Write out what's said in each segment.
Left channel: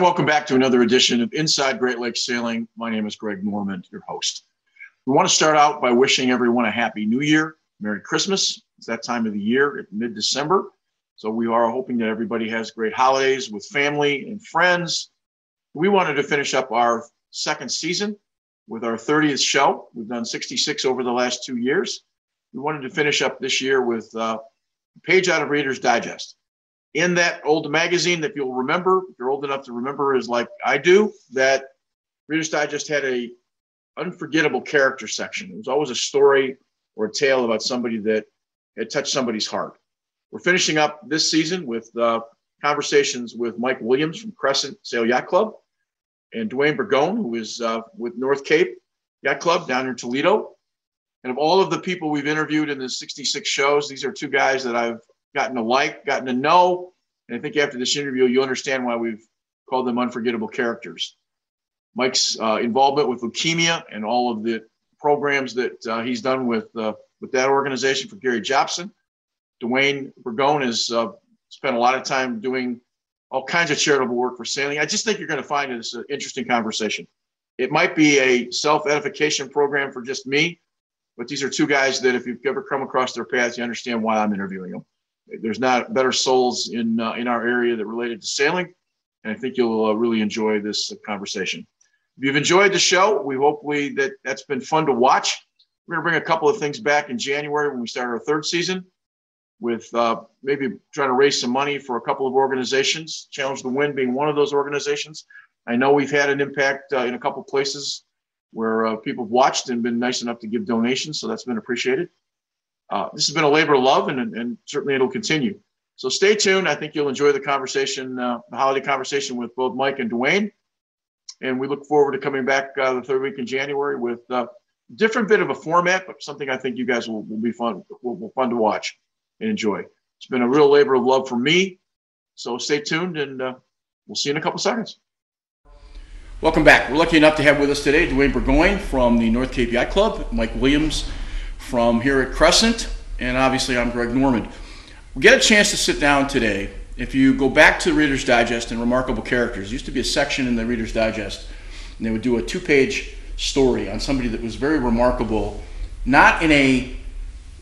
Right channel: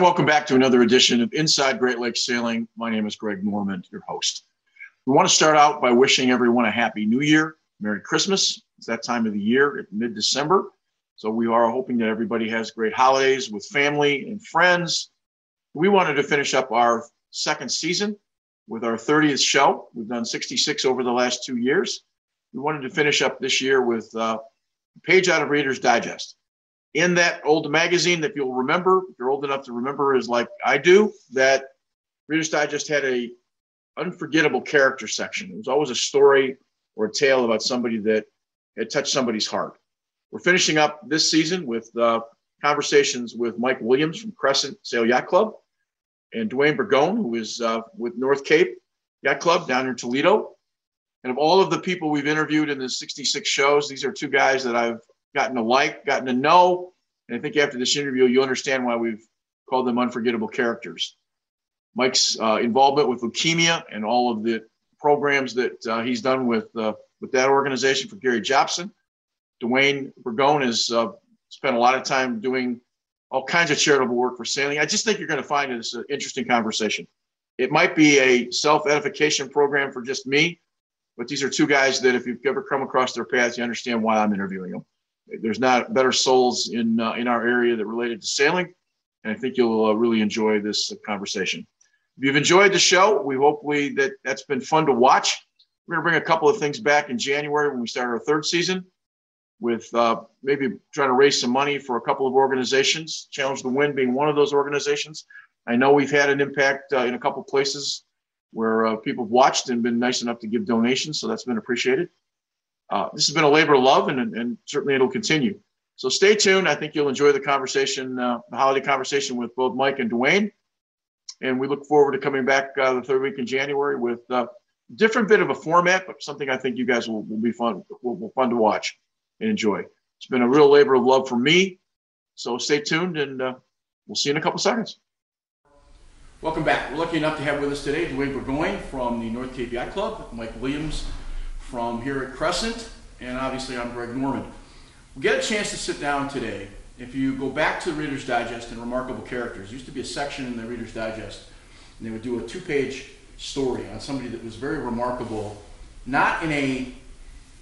Welcome back to another edition of Inside Great Lakes Sailing. My name is Greg Normand, your host. We want to start out by wishing everyone a Happy New Year, Merry Christmas. It's that time of the year at mid-December. So we are hoping that everybody has great holidays with family and friends. We wanted to finish up our second season with our 30th show. We've done 66 over the last 2 years. We wanted to finish up this year with a page out of Reader's Digest. In that old magazine that you'll remember, if you're old enough to remember as like I do, that Reader's Digest had a unforgettable character section. It was always a story or a tale about somebody that had touched somebody's heart. We're finishing up this season with conversations with Mike Williams from Crescent Sail Yacht Club and Duane Burgoyne, who is with North Cape Yacht Club down in Toledo. And of all of the people we've interviewed in the 66 shows, these are two guys that I've gotten to like, gotten to know. And I think after this interview, you'll understand why we've called them unforgettable characters. Mike's involvement with leukemia and all of the programs that he's done with that organization for Gary Jobson. Duane Burgoyne has spent a lot of time doing all kinds of charitable work for sailing. I just think you're going to find this an interesting conversation. It might be a self-edification program for just me, but these are two guys that if you've ever come across their paths, you understand why I'm interviewing them. There's not better souls in our area that related to sailing, and I think you'll really enjoy this conversation. If you've enjoyed the show, we hopefully that's been fun to watch. We're going to bring a couple of things back in January when we start our third season with maybe trying to raise some money for a couple of organizations, Challenge the Wind being one of those organizations. I know we've had an impact in a couple of places where people have watched and been nice enough to give donations, so that's been appreciated. This has been a labor of love, and certainly it'll continue. So stay tuned. I think you'll enjoy the conversation, the holiday conversation with both Mike and Duane. And we look forward to coming back the third week in January with a different bit of a format, but something I think you guys will be fun to watch and enjoy. It's been a real labor of love for me. So stay tuned, and we'll see you in a couple seconds. Welcome back. We're lucky enough to have with us today Duane Burgoyne from the North Cape Yacht Club, Mike Williams from here at Crescent, and obviously I'm Greg Normand. We get a chance to sit down today. If you go back to Reader's Digest and Remarkable Characters, there used to be a section in the Reader's Digest, and they would do a 2-page story on somebody that was very remarkable, not in a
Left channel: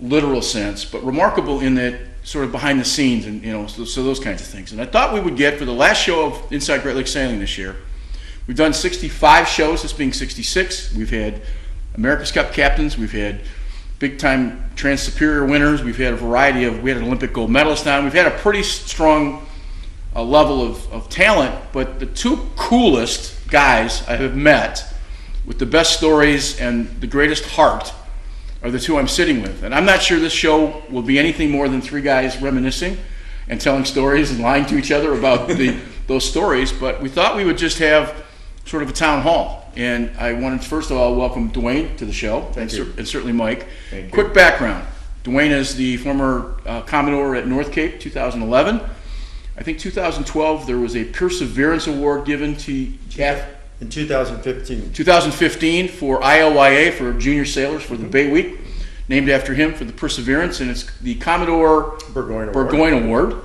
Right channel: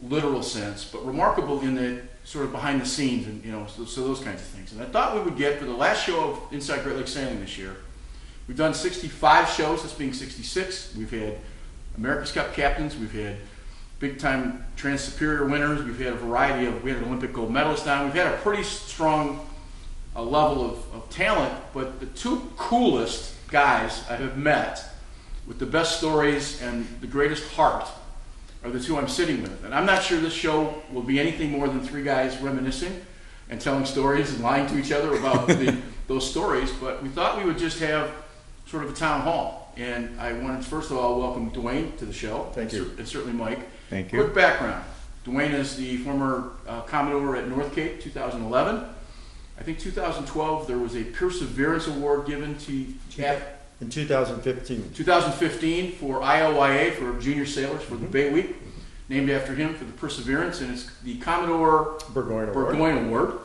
literal sense, but remarkable in that sort of behind the scenes, and so those kinds of things. And I thought we would get, for the last show of Inside Great Lakes Sailing this year, we've done 65 shows, this being 66. We've had America's Cup captains, we've had big-time Trans-Superior winners. We've had a variety of, we had an Olympic gold medalist on. We've had a pretty strong level of talent, but the two coolest guys I have met with the best stories and the greatest heart are the two I'm sitting with. And I'm not sure this show will be anything more than three guys reminiscing and telling stories and lying to each other about those stories, but we thought we would just have sort of a town hall. And I wanted to first of all welcome Duane to the show. Thank you. And certainly Mike. Thank you. Quick background. Duane is the former Commodore at North Cape, 2011. I think 2012 there was a Perseverance Award given to in 2015. 2015 for IOYA, for junior sailors, for the Bay Week, named after him for the Perseverance, and it's the Commodore Burgoyne Award.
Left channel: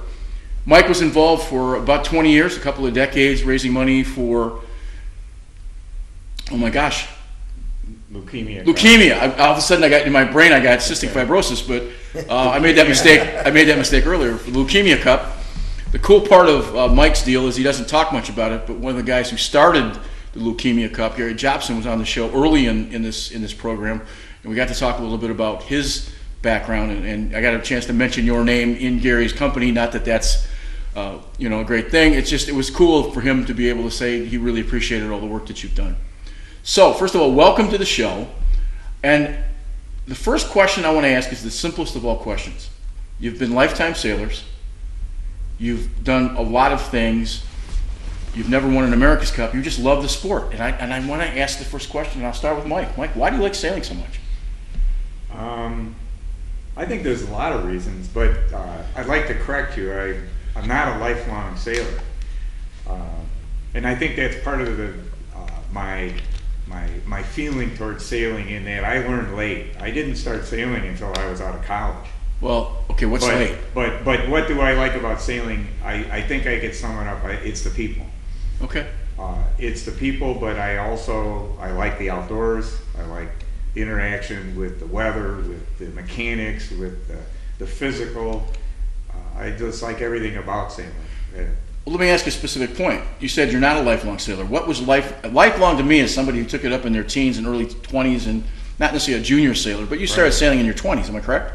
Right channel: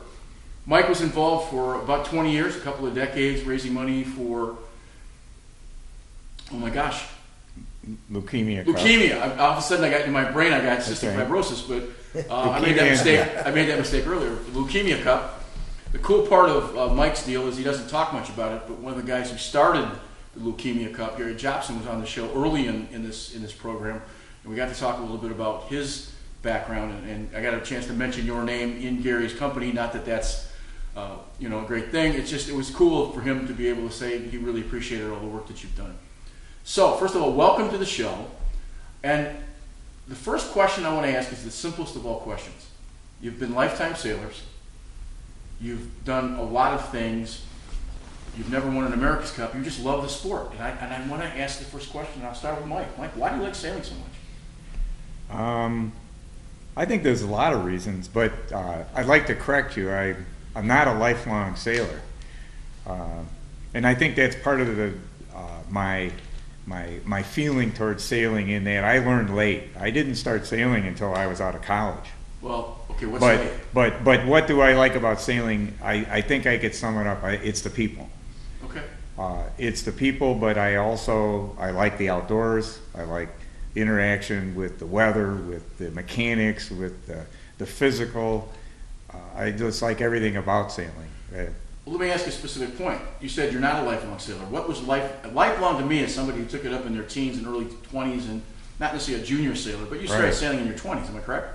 Mike was involved for about 20 years, a couple of decades, raising money for, oh my gosh, leukemia. All of a sudden, I got in my brain, I got cystic fibrosis, but I made that mistake earlier. For the Leukemia Cup. The cool part of Mike's deal is he doesn't talk much about it, but one of the guys who started the Leukemia Cup, Gary Jobson, was on the show early in this program, and we got to talk a little bit about his background, and I got a chance to mention your name in Gary's company. Not that that's a great thing. It was cool for him to be able to say he really appreciated all the work that you've done. So, first of all, welcome to the show. And the first question I want to ask is the simplest of all questions. You've been lifetime sailors. You've done a lot of things. You've never won an America's Cup. You just love the sport. And I want to ask the first question, and I'll start with Mike. Mike, why do you like sailing so much? I think there's a lot of reasons, but I'd like to correct you. I'm not a lifelong sailor. And I think that's part of my feeling towards sailing, in that I learned late. I didn't start sailing until I was out of college. Well, okay, what's late? But what do I like about sailing? I think I could sum it up. It's the people. Okay. It's the people, but I like the outdoors. I like the interaction with the weather, with the mechanics, with the physical. I just like everything about sailing. Well, let me ask you a specific point. You said you're not a lifelong sailor. What was lifelong to me is somebody who took it up in their teens and early 20s, and not necessarily a junior sailor, but you started sailing in your 20s. Am I correct?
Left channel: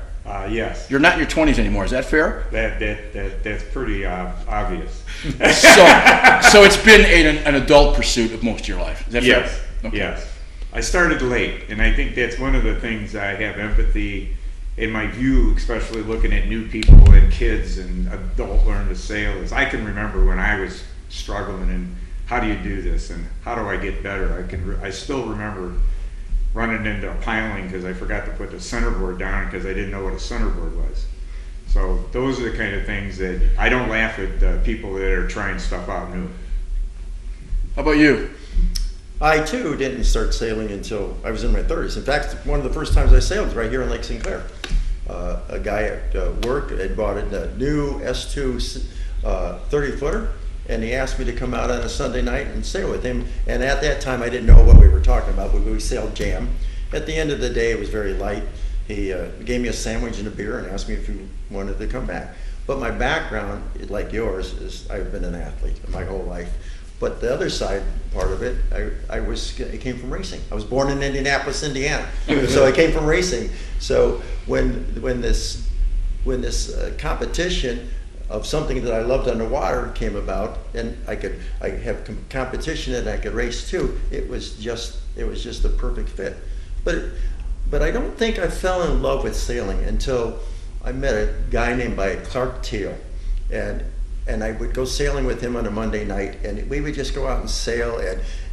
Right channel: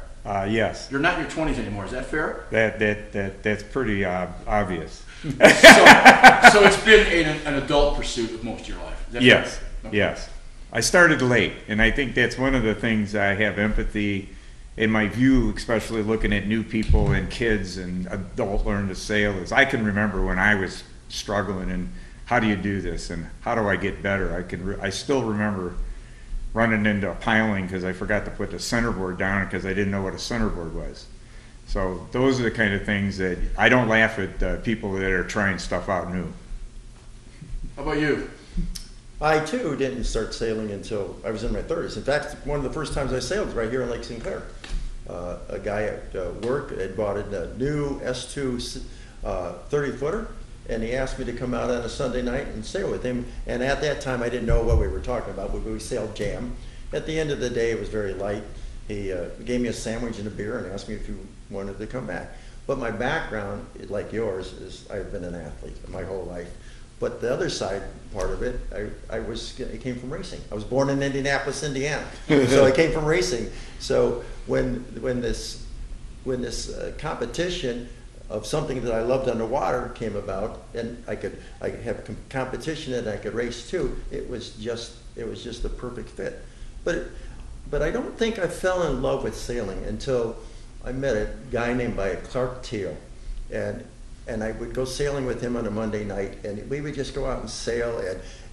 Yes. You're not in your 20s anymore. Is that fair? That's pretty obvious. So it's been an adult pursuit of most of your life. Is that fair? Yes. Okay. Yes. I started late, and I think that's one of the things I have empathy in my view, especially looking at new people and kids and adult learn to sail, is I can remember when I was struggling and how do you do this and how do I get better. I still remember running into a piling because I forgot to put the centerboard down because I didn't know what a centerboard was. So those are the kind of things that I don't laugh at people that are trying stuff out new. How about you? I too didn't start sailing until I was in my 30s. In fact, one of the first times I sailed was right here in Lake Sinclair. A guy at work had bought a new S2 30-footer, and he asked me to come out on a Sunday night and sail with him. And at that time, I didn't know what we were talking about. We sailed jam. At the end of the day, it was very light. He gave me a sandwich and a beer and asked me if you wanted to come back. But my background, like yours, is I've been an athlete my whole life. But the other side part of it, I came from racing. I was born in Indianapolis, Indiana, so I came from racing. So when this competition of something that I loved underwater came about, and I have competition and I could race too, it was just the perfect fit. But I don't think I fell in love with sailing until I met a guy named Clark Teal, and I would go sailing with him on a Monday night, and we would just go out and sail,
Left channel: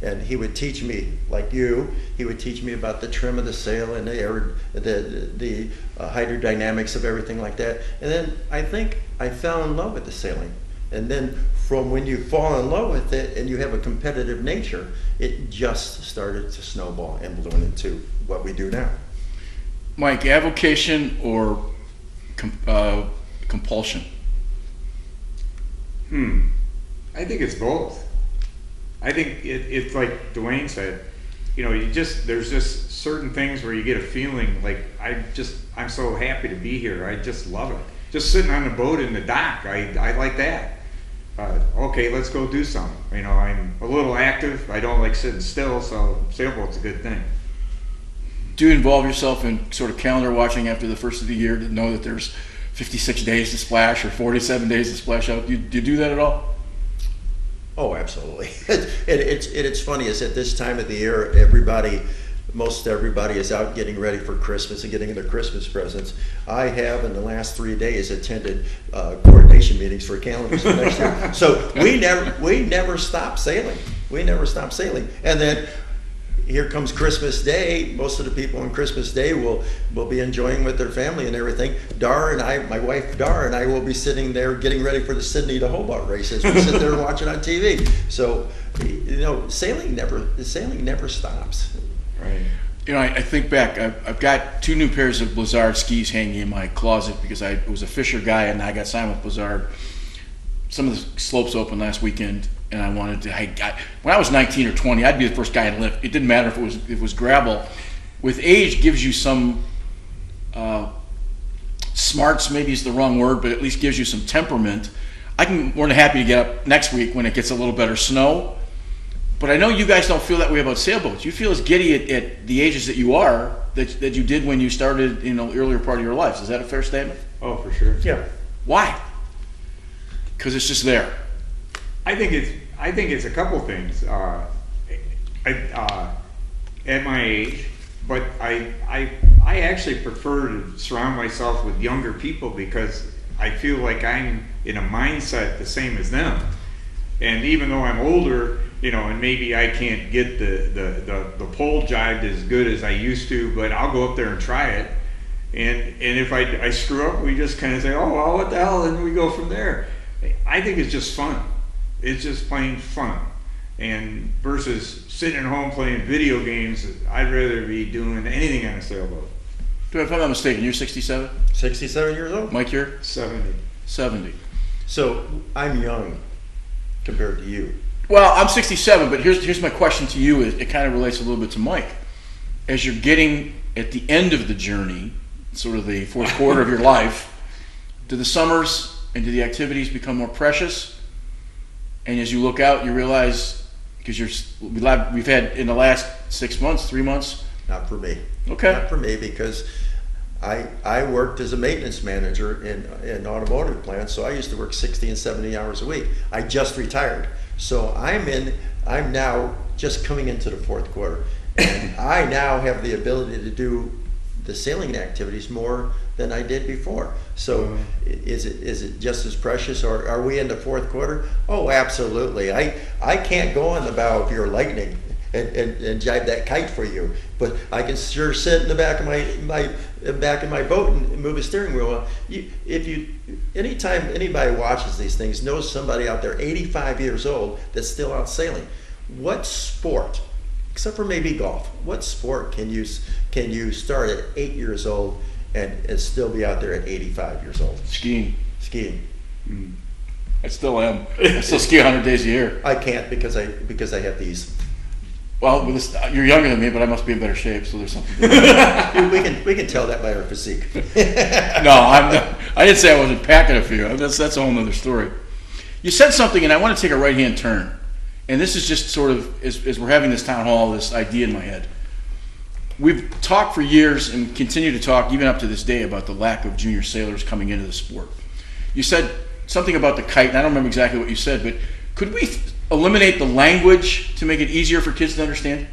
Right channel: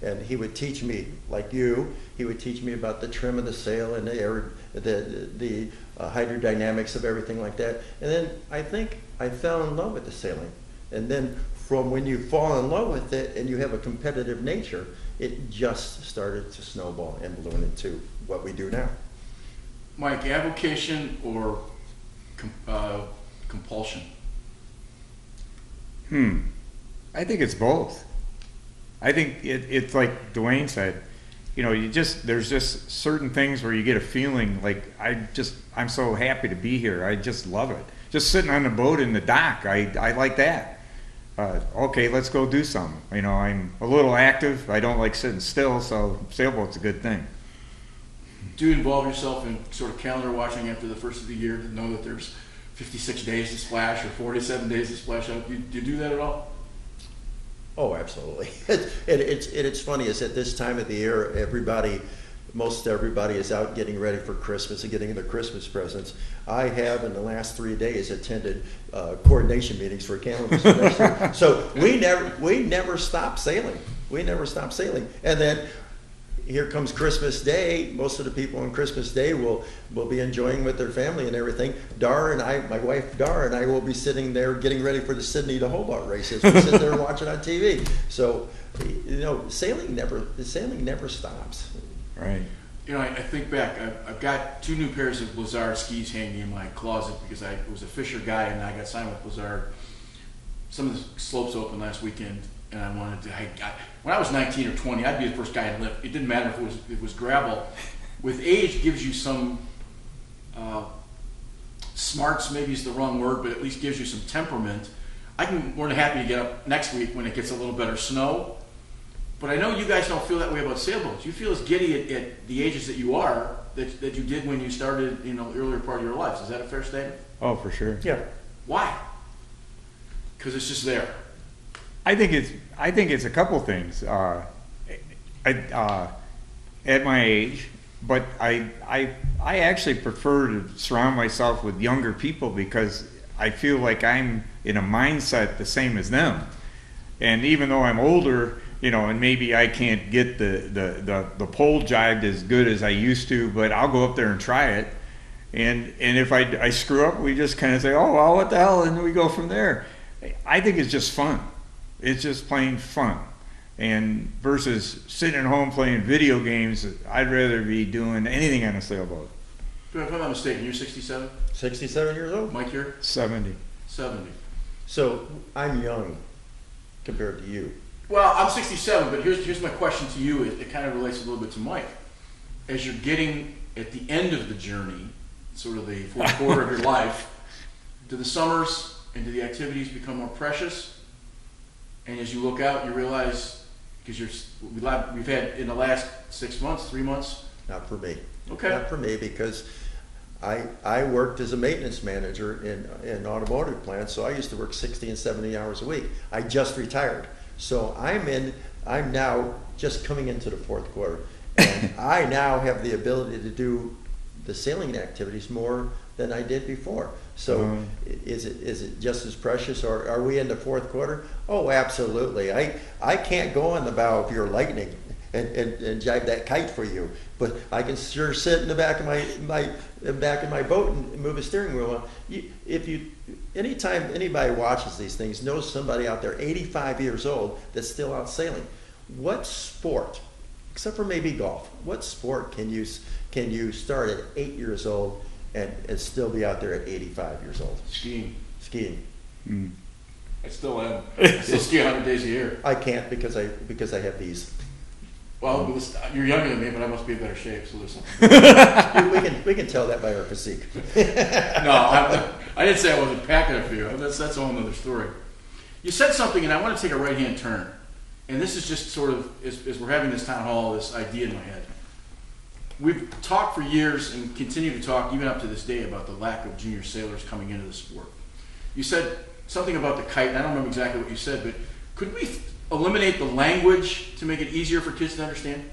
and he would teach me, like you, he would teach me about the trim of the sail and the hydrodynamics of everything like that. And then I think I fell in love with the sailing. And then from when you fall in love with it and you have a competitive nature, it just started to snowball and balloon into what we do now. Mike, avocation or compulsion? I think it's both. I think it's like Duane said, there's just certain things where you get a feeling like I'm so happy to be here. I just love it. Just sitting on the boat in the dock, I like that. Okay, let's go do something. I'm a little active. I don't like sitting still, so sailboat's a good thing. Do you involve yourself in sort of calendar watching after the first of the year to know that there's 56 days to splash or 47 days to splash out? Do you do that at all? Oh, absolutely. It's funny is at this time of the year, most everybody is out getting ready for Christmas and getting their Christmas presents. I have in the last 3 days attended coordination meetings for calendars for next year. So we never stop sailing. We never stop sailing. And then here comes Christmas Day. Most of the people on Christmas Day will be enjoying with their family and everything. My wife Dar and I will be sitting there getting ready for the Sydney to Hobart races. We sit there watching on TV. So, sailing never stops. Right. I think back. I've got 2 new pairs of Blizzard skis hanging in my closet because I was a Fisher guy and I got signed with Blizzard. Some of the slopes opened last weekend, and I wanted to. When I was 19 or 20, I'd be the first guy in lift. It didn't matter if it was gravel. With age, gives you some smarts. Maybe is the wrong word, but at least gives you some temperament. I'm more than happy to get up next week when it gets a little better snow. But I know you guys don't feel that way about sailboats. You feel as giddy at the ages that you are that you did when you started, earlier part of your lives. Is that a fair statement? Oh, for sure. Yeah. Why? because it's just there? I think it's a couple things. At my age, but I actually prefer to surround myself with younger people because I feel like I'm in a mindset the same as them. And even though I'm older, you know, and maybe I can't get the pole jived as good as I used to, but I'll go up there and try it. And if I screw up, we just kind of say, oh, well, what the hell, and we go from there. I think it's just fun. It's just plain fun. And versus sitting at home playing video games, I'd rather be doing anything on a sailboat. Duane, if I'm not mistaken, you're 67? 67 years old. Mike, you're 70. 70. So I'm young compared to you. Well, I'm 67, but here's my question to you. It kind of relates a little bit to Mike. As you're getting at the end of the journey, sort of the fourth quarter of your life, do the summers and do the activities become more precious? And as you look out, you realize, because we've had in the last 6 months, 3 months. Not for me. Okay. Not for me because I worked as a maintenance manager in automotive plants, so I used to work 60 and 70 hours a week. I just retired, so I'm now just coming into the fourth quarter, and I now have the ability to do the sailing activities more than I did before. So is it just as precious, or are we in the fourth quarter? Oh, absolutely. I can't go on the bow of your Lightning and jibe that kite for you, but I can sure sit in the back of my boat and move a steering wheel. Anytime anybody watches these things knows somebody out there 85 years old that's still out sailing. What sport, except for maybe golf, what sport can you start at 8 years old and still be out there at 85 years old? Skiing. I still am. I still ski 100 days a year. I can't because I have these. Well, you're younger than me, but I must be in better shape, so there's something. we can tell that by our physique. No, I didn't say I wasn't packing a few. That's a whole other story. You said something, and I want to take a right-hand turn. And this is just sort of, as we're having this town hall, this idea in my head. We've talked for years and continue to talk, even up to this day, about the lack of junior sailors coming into the sport. You said something about the kite, and I don't remember exactly what you said, but could we eliminate the language to make it easier for kids to understand?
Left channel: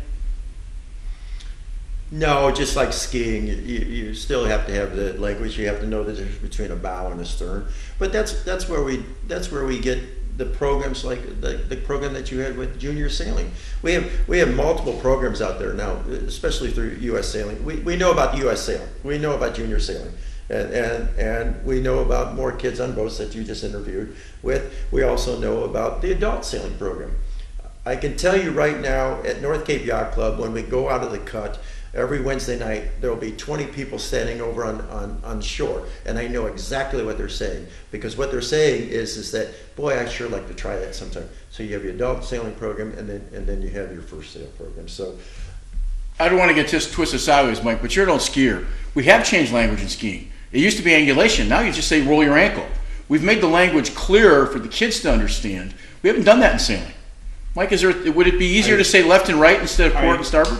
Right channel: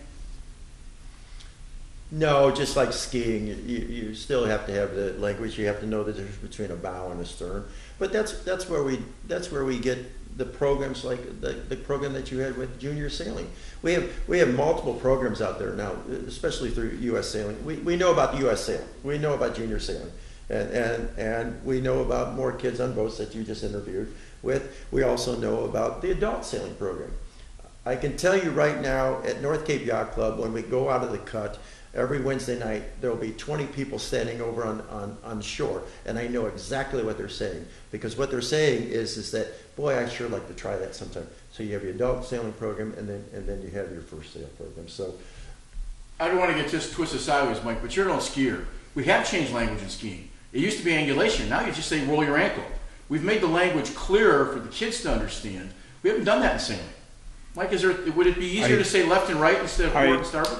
No, just like skiing, you still have to have the language. You have to know the difference between a bow and a stern. But that's where we get the programs like the program that you had with junior sailing. We have multiple programs out there now, especially through U.S. Sailing. We know about U.S. Sailing. We know about junior sailing. And we know about more kids on boats that you just interviewed with. We also know about the adult sailing program. I can tell you right now at North Cape Yacht Club, when we go out of the cut, every Wednesday night, there will be 20 people standing over on shore. And I know exactly what they're saying. Because what they're saying is that, boy, I'd sure like to try that sometime. So you have your adult sailing program, and then you have your first sail program. So I don't want to get twisted sideways, Mike, but you're an old skier. We have changed language in skiing. It used to be angulation. Now you just say roll your ankle. We've made the language clearer for the kids to understand. We haven't done that in sailing. Mike, would it be easier to say left and right instead of port and starboard?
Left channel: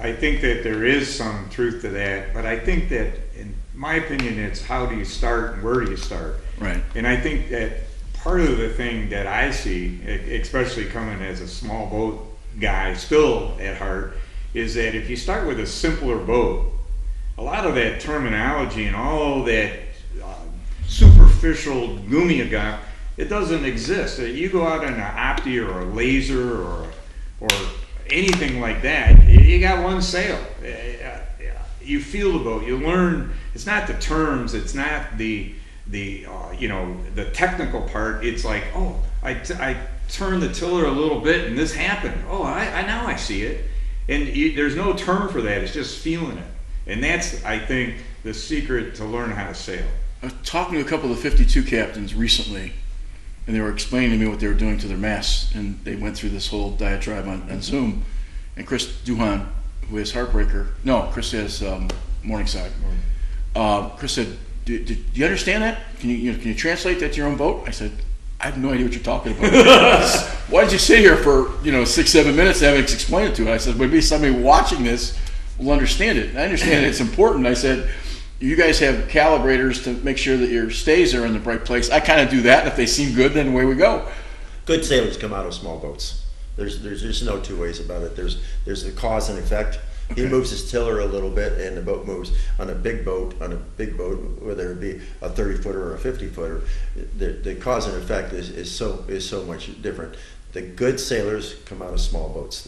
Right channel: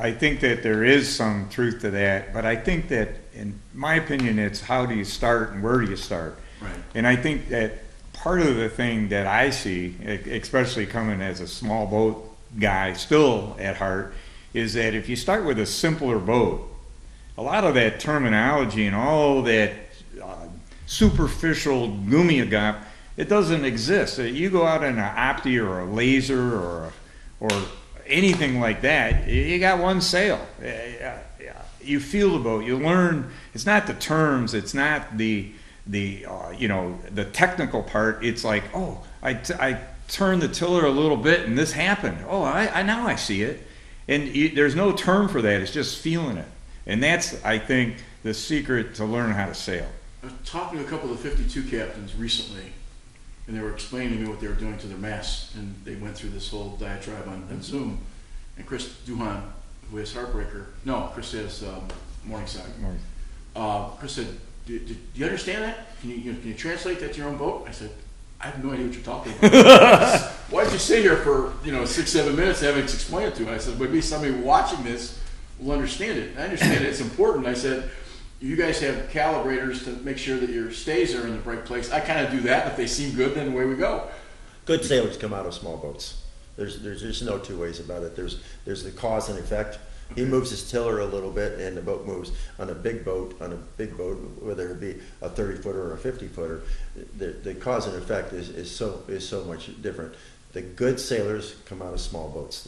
I think that there is some truth to that, but I think that, in my opinion, it's how do you start and where do you start? Right. And I think that part of the thing that I see, especially coming as a small boat guy still at heart, is that if you start with a simpler boat, a lot of that terminology and all that superficial gummy-gump, it doesn't exist. You go out in an opti or a laser or anything like that, you got one sail. You feel the boat. You learn. It's not the terms. It's not the technical part. It's like, oh, I turned the tiller a little bit and this happened. Oh, I now I see it. And there's no term for that. It's just feeling it. And that's, I think, the secret to learn how to sail. I was talking to a couple of the 52 captains recently, and they were explaining to me what they were doing to their masts, and they went through this whole diatribe on Zoom. And Duane, who has Heartbreaker, no, Chris has Morningside. Chris said, do you understand that? Can you translate that to your own boat? I said, I have no idea what you're talking about. Why did you sit here for 6-7 minutes and having explained it to it? I said, maybe somebody watching this will understand it. And I understand it's important. I said, you guys have calibrators to make sure that your stays are in the right place. I kind of do that. If they seem good, then away we go. Good sailors come out of small boats. There's no two ways about it. There's the cause and effect. He moves his tiller a little bit, and the boat moves. On a big boat, whether it be a 30-footer or a 50-footer, the cause and effect is so much different. The good sailors come out of small boats.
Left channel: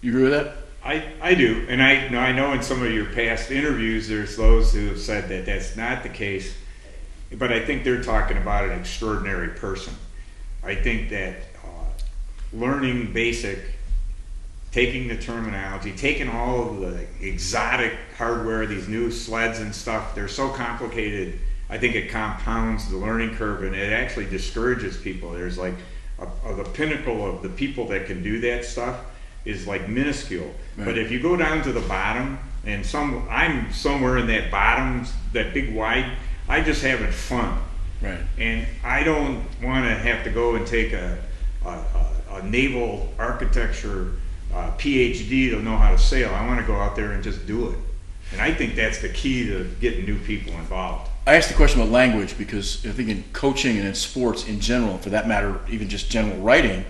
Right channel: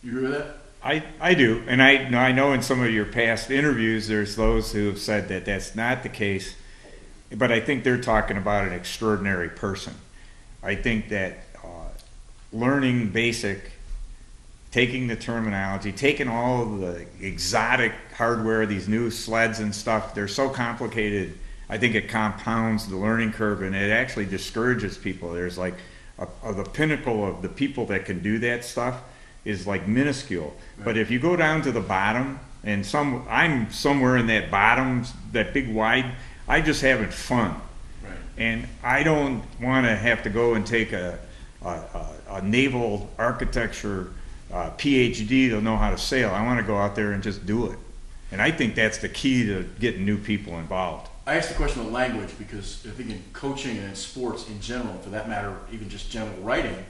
You agree with that? I do, and I know in some of your past interviews, there's those who have said that that's not the case, but I think they're talking about an extraordinary person. I think that learning basic, taking the terminology, taking all of the exotic hardware, these new sleds and stuff, they're so complicated. I think it compounds the learning curve, and it actually discourages people. There's like the pinnacle of the people that can do that stuff is like minuscule. Right. But if you go down to the bottom, and I'm somewhere in that bottom, that big wide, I just having fun. Right. And I don't want to have to go and take a naval architecture PhD to know how to sail. I want to go out there and just do it. And I think that's the key to getting new people involved. I asked the question about language because I think in coaching and in sports in general, for that matter, even just general writing,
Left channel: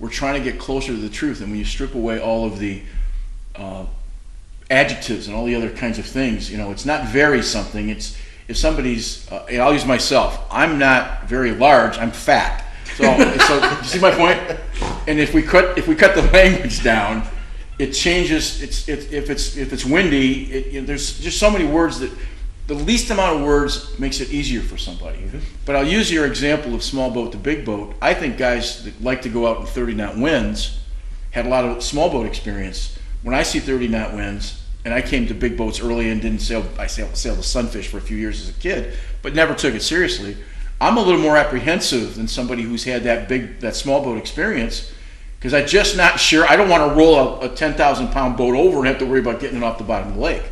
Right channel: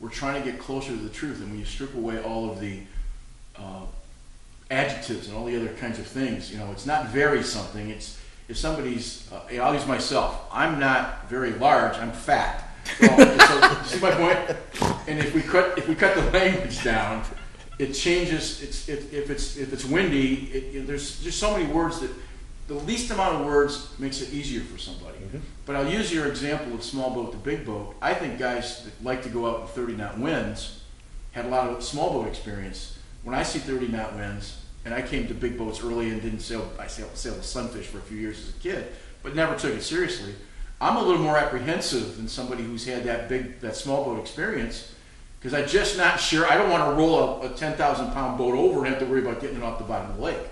we're trying to get closer to the truth. And when you strip away all of the adjectives and all the other kinds of things, it's not very something. It's if somebody's, I'll use myself. I'm not very large. I'm fat. So you see my point? And if we cut the language down, it changes. If it's windy, there's just so many words that the least amount of words makes it easier for somebody. Mm-hmm. But I'll use your example of small boat to big boat. I think guys that like to go out in 30-knot winds had a lot of small boat experience. When I see 30-knot winds, and I came to big boats early and didn't sail. I sailed the Sunfish for a few years as a kid, but never took it seriously. I'm a little more apprehensive than somebody who's had that small boat experience, because I'm just not sure. I don't want to roll a 10,000-pound boat over and have to worry about getting it off the bottom of the lake.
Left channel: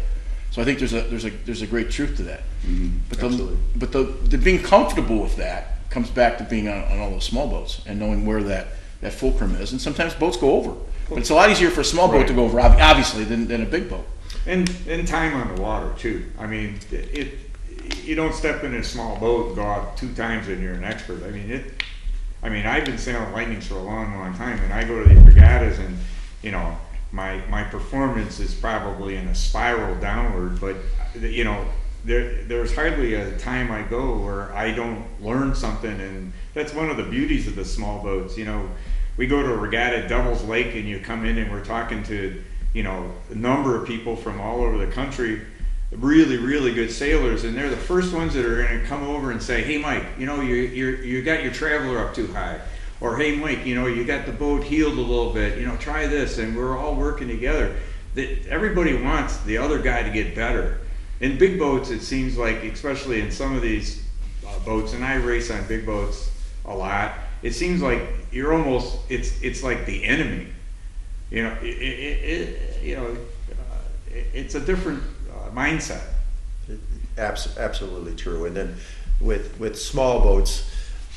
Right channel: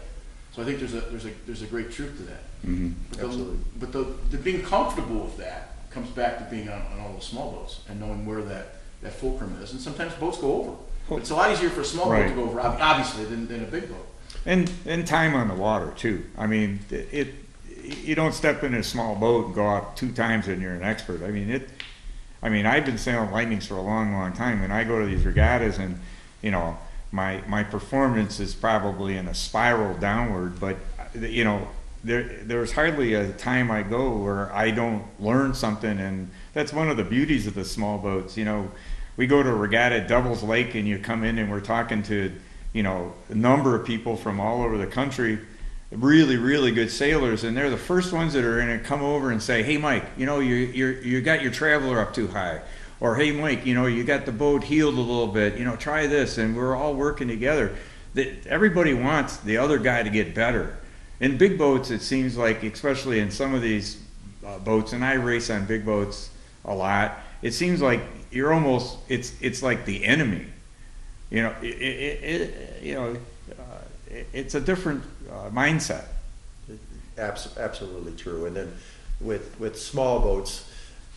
So I think there's a great truth to that. Mm-hmm. Absolutely. But the being comfortable with that comes back to being on all those small boats and knowing where that fulcrum is. And sometimes boats go over, but it's a lot easier for a small boat to go over, obviously, than a big boat. And time on the water too. I mean, you don't step in a small boat and go out 2 times and you're an expert. I mean, I've been sailing lightnings for a long time, and I go to these regattas, and my performance is probably in a spiral downward. But there's hardly a time I go where I don't learn something, and that's one of the beauties of the small boats. We go to a regatta at Devil's Lake, and you come in, and we're talking to a number of people from all over the country, really, really good sailors, and they're the first ones that are going to come over and say, "Hey, Mike, you got your traveler up too high," or "Hey, Mike, you got the boat heeled a little bit. Try this," and we're all working together. Everybody wants the other guy to get better. In big boats, it seems like, especially in some of these boats, and I race on big boats a lot, it seems like you're almost it's like the enemy. It's a different mindset. Absolutely true. And then with small boats,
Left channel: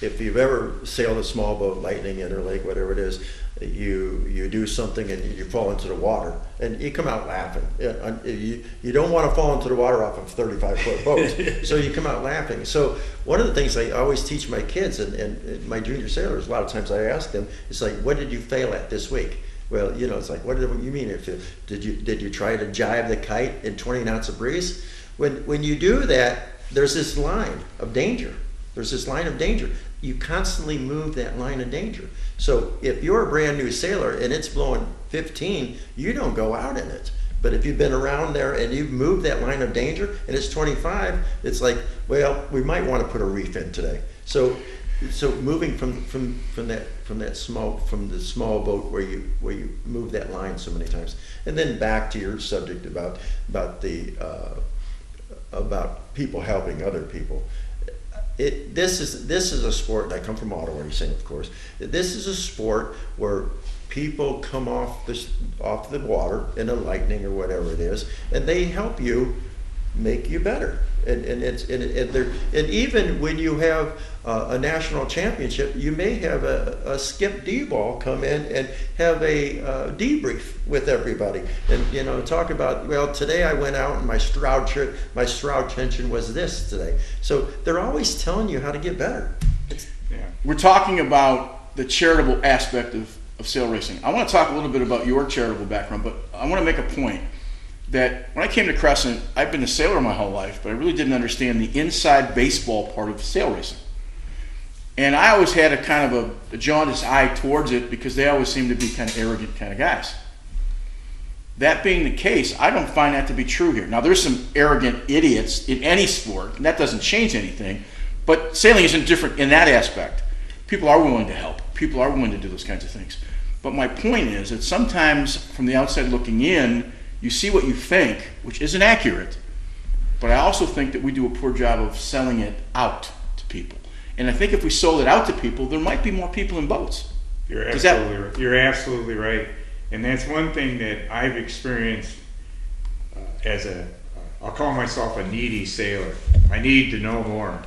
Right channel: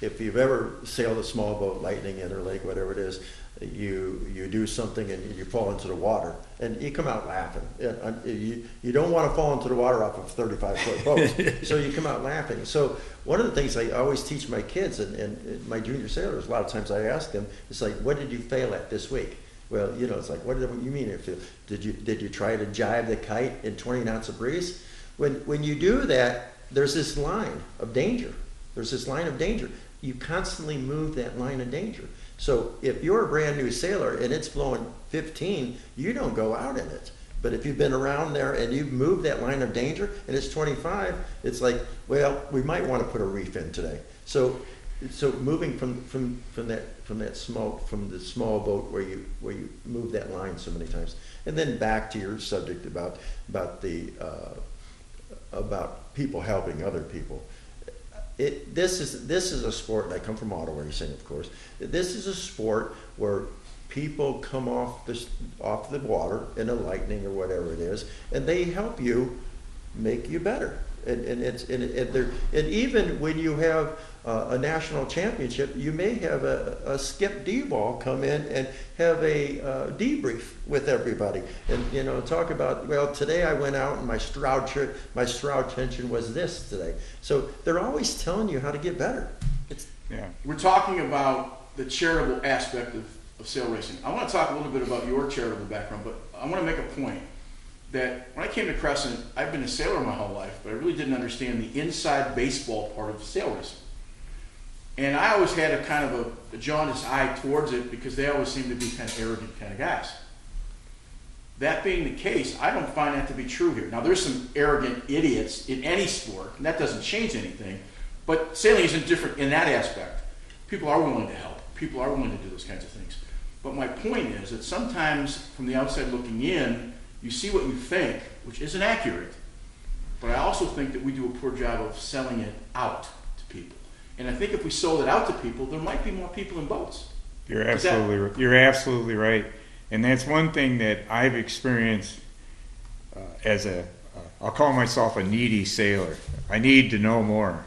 if you've ever sailed a small boat, Lightning, Interlake, whatever it is, you do something and you fall into the water and you come out laughing. You don't want to fall into the water off a 35-foot boat, so you come out laughing. So one of the things I always teach my kids and my junior sailors, a lot of times I ask them, it's like, what did you fail at this week? Well, it's like, what do you mean? Did you try to jibe the kite in 20 knots of breeze? When you do that, there's this line of danger. You constantly move that line of danger. So if you're a brand new sailor and it's blowing 15, you don't go out in it. But if you've been around there and you've moved that line of danger and it's 25, it's like, well, we might want to put a reef in today. So moving from the small boat where you move that line so many times, and then back to your subject about people helping other people. This is a sport, and I come from auto racing, of course. This is a sport where people come off the water in a Lightning or whatever it is, and they help you make you better. And even when you have a national championship, you may have a Skip D-ball come in and have a debrief with everybody, and talk about, well, today I went out and my Stroud tension was this today. So they're always telling you how to get better. We're talking about the charitable aspect of sail racing. I want to talk a little bit about your charitable background, but I want to make a point that when I came to Crescent, I've been a sailor my whole life, but I really didn't understand the inside baseball part of sail racing. And I always had a kind of a jaundiced eye towards it because they always seemed to be kind of arrogant kind of guys. That being the case, I don't find that to be true here. Now, there's some arrogant idiots in any sport, and that doesn't change anything, but sailing isn't different in that aspect. People are willing to help. People are willing to do those kinds of things. But my point is that sometimes from the outside looking in, you see what you think, which isn't accurate, but I also think that we do a poor job of selling it out to people. And I think if we sold it out to people, there might be more people in boats. You're absolutely right. And that's one thing that I've experienced as I'll call myself a needy sailor. I need to know more.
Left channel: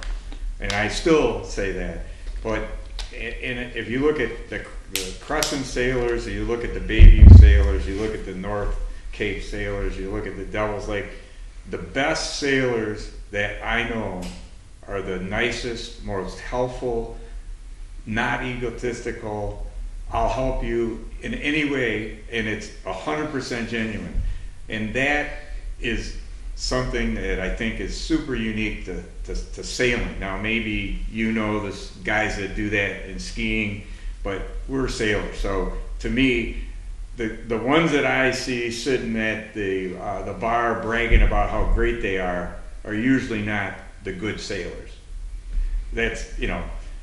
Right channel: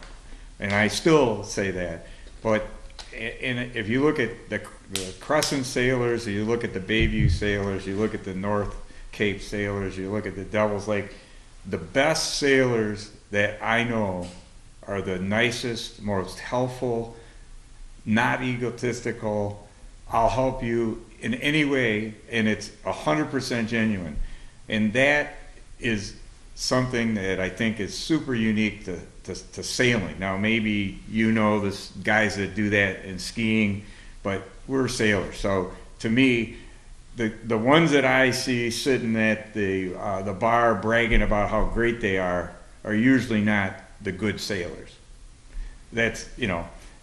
And I still say that. But if you look at the Crescent sailors, or you look at the Bayview sailors, you look at the North Cape sailors, you look at the Devil's Lake, the best sailors that I know are the nicest, most helpful, not egotistical, I'll help you in any way, and it's 100% genuine. And that is something that I think is super unique to sailing. Now, maybe there's guys that do that in skiing, but we're sailors. So to me, the ones that I see sitting at the bar bragging about how great they are usually not the good sailors. That's,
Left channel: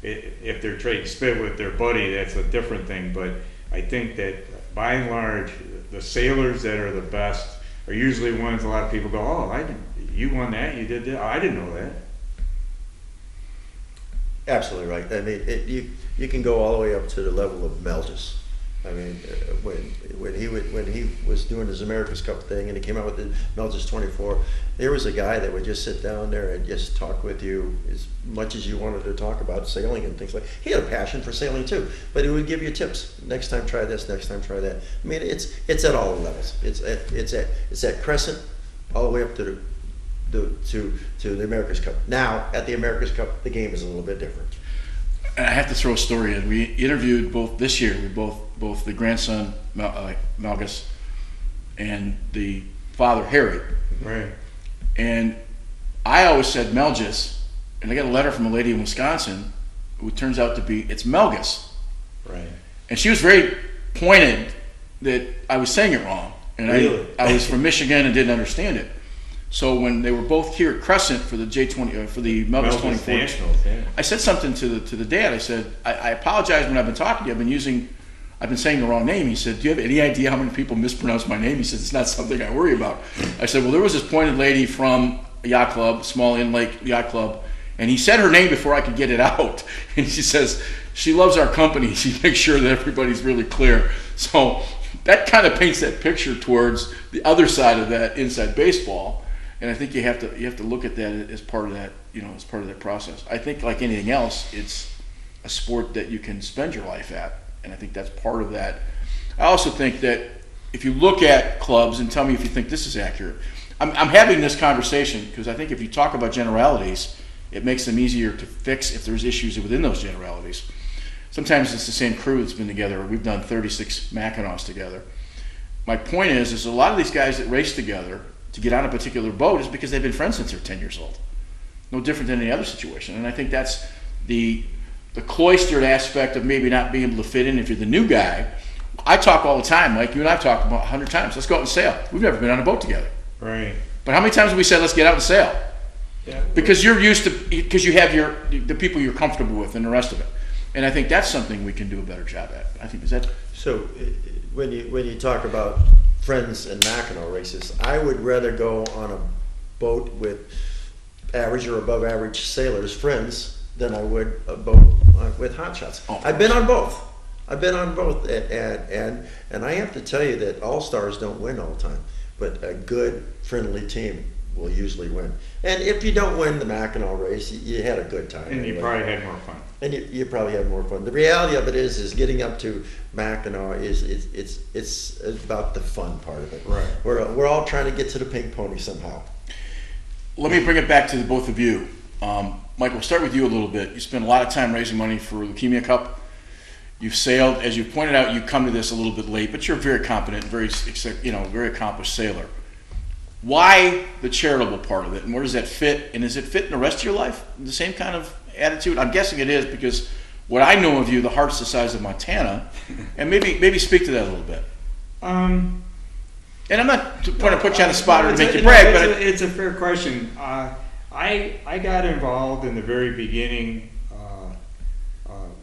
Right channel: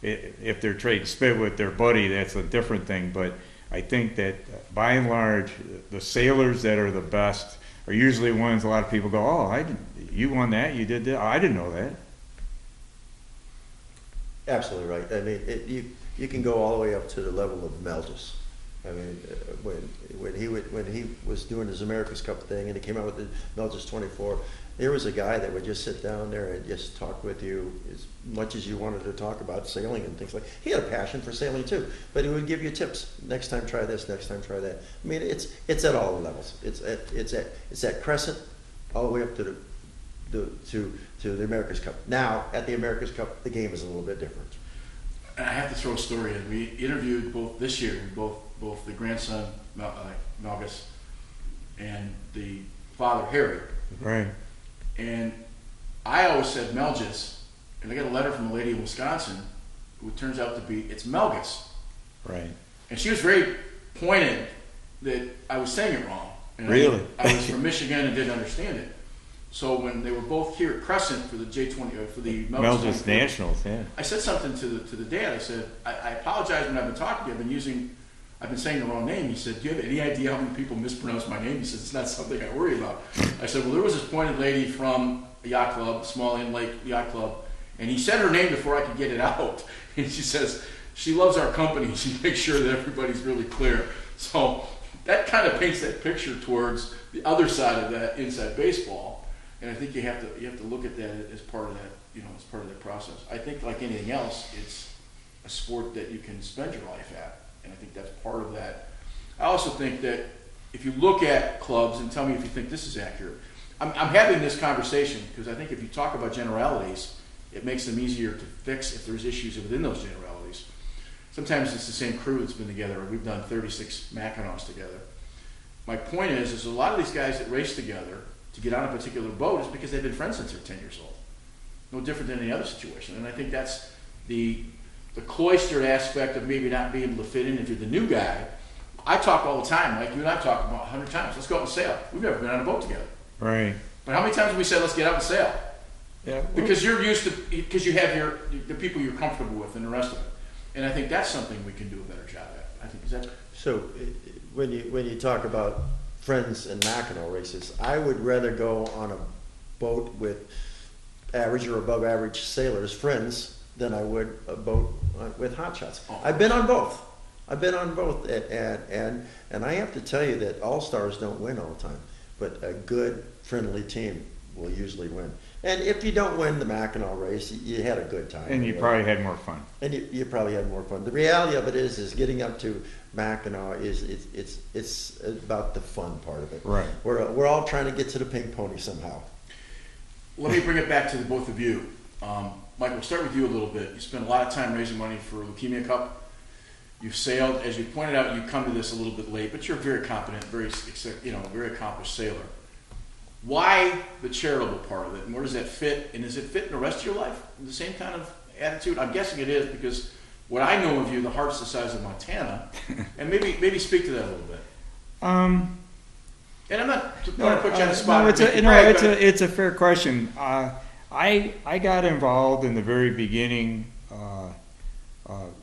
if they're trading spit with their buddy, that's a different thing. But I think that by and large, the sailors that are the best are usually ones a lot of people go, oh, you won that, you did that, oh, I didn't know that. Absolutely right. I mean, you can go all the way up to the level of Melges. I mean, when he was doing his America's Cup thing and he came out with the Melges 24, there was a guy that would just sit down there and just talk with you as much as you wanted to talk about sailing and things like. He had a passion for sailing too, but he would give you tips. Next time try this. Next time try that. I mean, it's at all levels. It's at Crescent, all the way up to the America's Cup. Now at the America's Cup, the game is a little bit different. And I have to throw a story in. We interviewed both this year. Both the grandson Melgus and the father Harry. Right. And I always said Melges, and I got a letter from a lady in Wisconsin who turns out to be it's Melgus. Right. And she was very pointed that I was saying it wrong. And really? I was from Michigan and didn't understand it. So when they were both here at Crescent for the J20 for the Melgus 24, Nationals, yeah. I said something to the dad. I said, I apologize when I've been talking to you. I've been saying the wrong name. He said, do you have any idea how many people mispronounce my name? He said, it's not something I worry about. I said, well, there was this pointed lady from a yacht club, Small Inn Lake Yacht Club, and he said her name before I could get it out. And she says, she loves our company. She makes sure that everybody's really clear. So that kind of paints that picture towards the other side of that inside baseball. And I think you have to look at that as part of that, as part of that process. I think like anything else, it's a sport that you can spend your life at. And I think that's part of that. I also think that if you look at clubs, and tell me if you think this is accurate, I'm having this conversation because I think if you talk about generalities, it makes them easier to fix if there's issues within those generalities. Sometimes it's the same crew that's been together. We've done 36 Mackinacs together. My point is a lot of these guys that race together to get on a particular boat is because they've been friends since they're 10 years old. No different than any other situation. And I think that's the cloistered aspect of maybe not being able to fit in if you're the new guy. I talk all the time, like you and I have talked about 100 times. Let's go out and sail. We've never been on a boat together. Right. But how many times have we said, let's get out and sail? Yeah. Because you're used to, because you have the people you're comfortable with and the rest of it. And I think that's something we can do a better job at. I think is that. So when you talk about friends and Mackinac races, I would rather go on a boat with average or above average sailors, friends, than I would a boat with hotshots. Oh. I've been on both. And I have to tell you that all stars don't win all the time, but a good friendly team will usually win. And if you don't win the Mackinac race, you had a good time. And you anyway. probably had more fun. And you probably had more fun. The reality of it is getting up to Mackinac it's about the fun part of it. Right. We're all trying to get to the pink pony somehow. Let me bring it back to the both of you. Mike, we'll start with you a little bit. You spend a lot of time raising money for Leukemia Cup. You've sailed, as you pointed out, you come to this a little bit late, but you're very competent, very accomplished sailor. Why the charitable part of it, and where does that fit? And does it fit in the rest of your life? The same kind of attitude? I'm guessing it is, because what I know of you, the heart's the size of Montana, and maybe speak to that a little bit. And I'm not trying to put you on the spot or make you brag, but it's a fair question. I got involved in the very beginning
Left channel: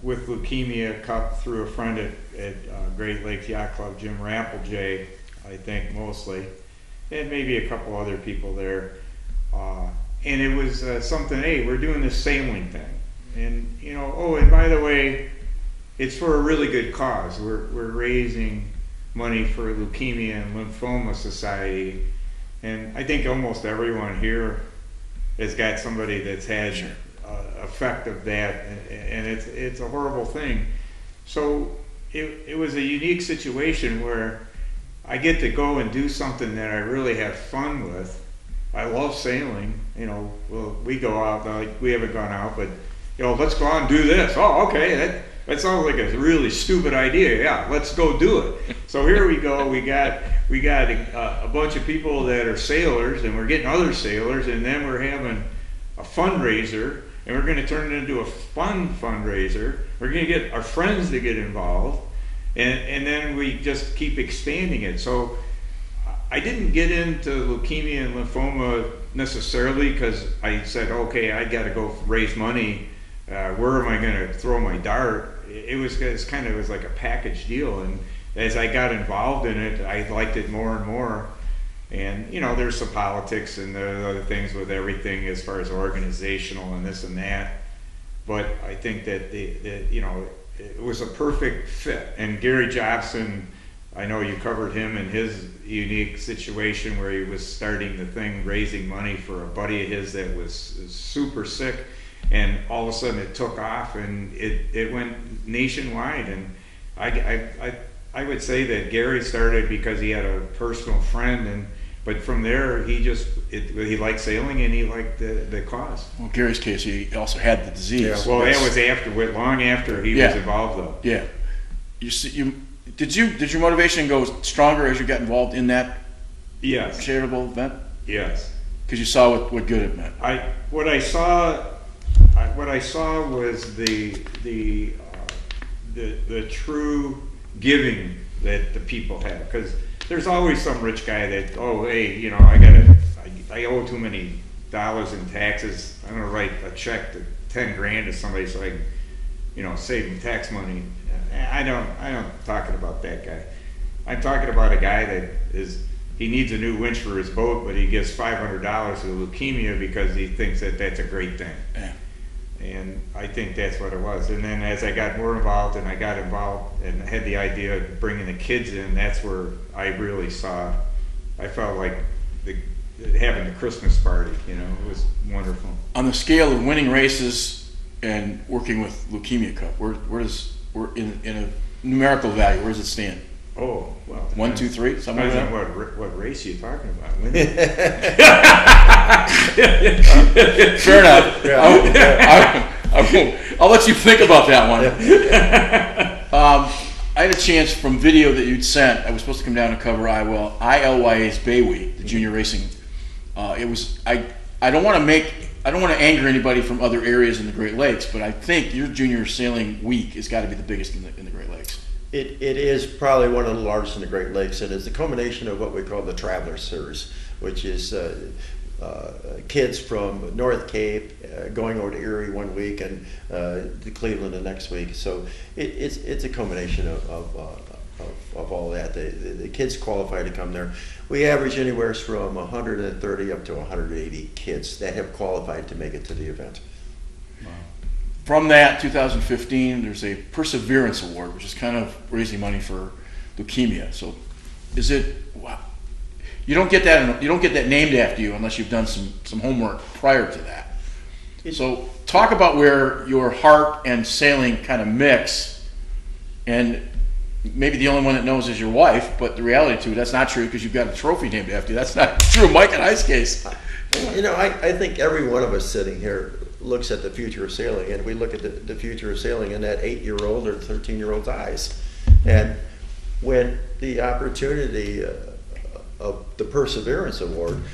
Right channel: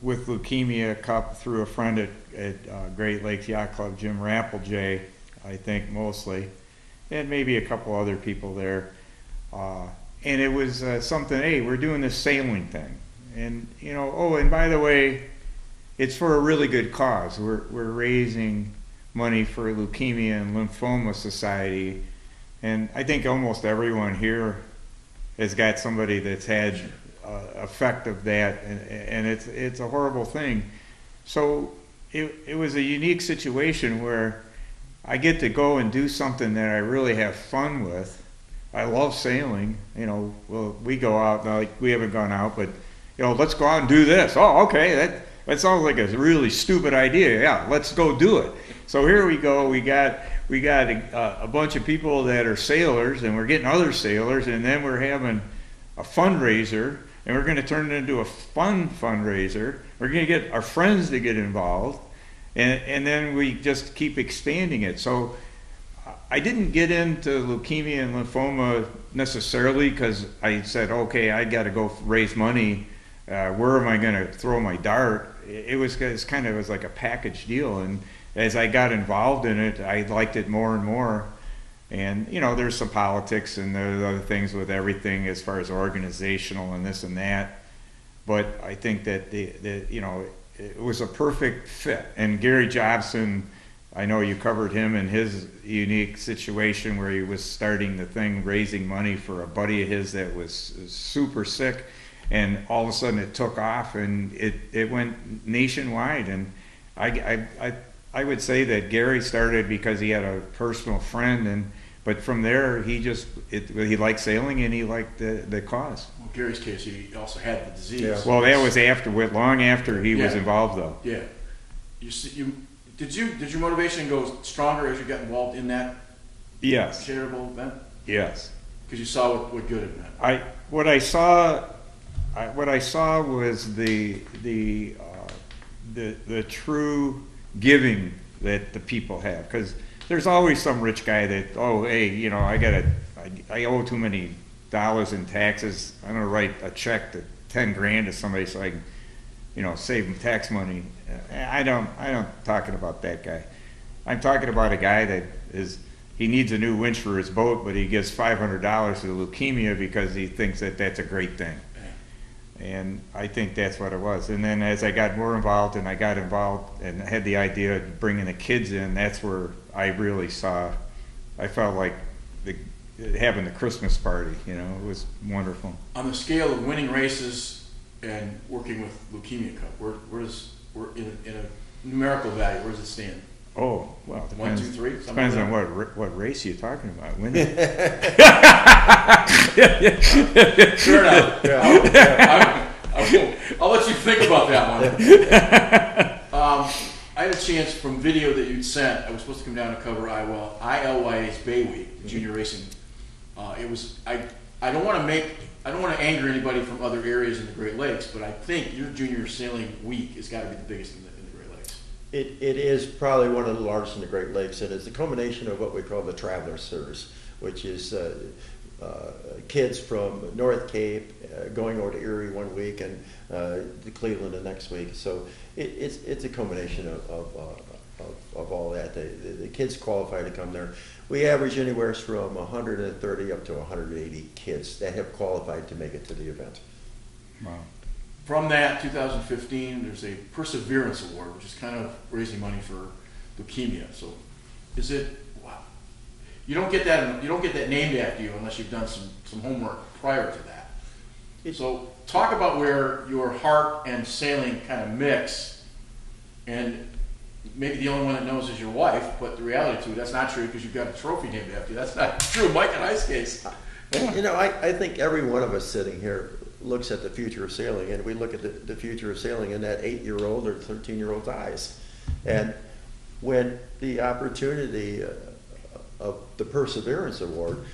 with Leukemia Cup through a friend at Great Lakes Yacht Club, Jim Rampeljay, I think mostly, and maybe a couple other people there. And it was something, hey, we're doing this sailing thing. And, and by the way, it's for a really good cause. We're raising money for Leukemia and Lymphoma Society. And I think almost everyone here has got somebody that's had effect of that, and it's a horrible thing. So it was a unique situation where I get to go and do something that I really have fun with. I love sailing. Well, we go out, like we haven't gone out, but let's go out and do this. Oh, okay, that sounds like a really stupid idea. Yeah, let's go do it. So here we go. We got a bunch of people that are sailors, and we're getting other sailors, and then we're having a fundraiser, and we're going to turn it into a fun fundraiser. We're going to get our friends to get involved, and then we just keep expanding it. So I didn't get into leukemia and lymphoma necessarily because I said, okay, I got to go raise money. Where am I going to throw my dart? It was like a package deal, and as I got involved in it, I liked it more and more. And there's some politics and there's other things with everything as far as organizational and this and that. But I think that it was a perfect fit. And Gary Jobson, I know you covered him in his unique situation where he was starting the thing, raising money for a buddy of his that was super sick, and all of a sudden it took off and it went nationwide. And I would say that Gary started because he had a personal friend, but from there he liked sailing and he liked the cause. Well, Gary's case, he also had the disease. Yeah. So well, that was long after he was involved, though. Yeah. Did your motivation go stronger as you got involved in that charitable event? Yes. Because you saw what good it meant. What I saw was the true giving that the people have, because there's always some rich guy that, oh, hey, I owe too many dollars in taxes. I'm gonna write a check to 10 grand to somebody so I can, save them tax money. I don't talking about that guy. I'm talking about a guy that he needs a new winch for his boat, but he gives $500 to leukemia because he thinks that that's a great thing. Yeah. And I think that's what it was. And then as I got more involved and I got involved and had the idea of bringing the kids in, that's where I really I felt like having the Christmas party, it was wonderful. On the scale of winning races and working with Leukemia Cup, we're in a numerical value, where does it stand? Oh, well. 1, 2, 3? Depends on what race you're talking about. Winning. Fair enough. Yeah. I'll let you think about that one. I had a chance from video that you'd sent. I was supposed to come down and cover ILYA's Bay Week, the junior racing. I don't want to anger anybody from other areas in the Great Lakes, but I think your junior sailing week has got to be the biggest in the Great Lakes. It is probably one of the largest in the Great Lakes, and it's a culmination of what we call the Traveler Series, which is kids from North Cape going over to Erie one week and to Cleveland the next week. So it's a culmination of all that. The kids qualify to come there. We average anywhere from 130 up to 180 kids that have qualified to make it to the event. Wow. From that, 2015, there's a Perseverance Award, which is kind of raising money for leukemia. So You don't get that named after you unless you've done some homework prior to that. So talk about where your heart and sailing kind of mix, and maybe the only one that knows is your wife, but the reality to it, that's not true because you've got a trophy named after you. That's not true in Mike and I's case. I think every one of us sitting here looks at the future of sailing, and we look at the future of sailing in that 8-year-old or 13-year-old's eyes. And when the opportunity of the Perseverance Award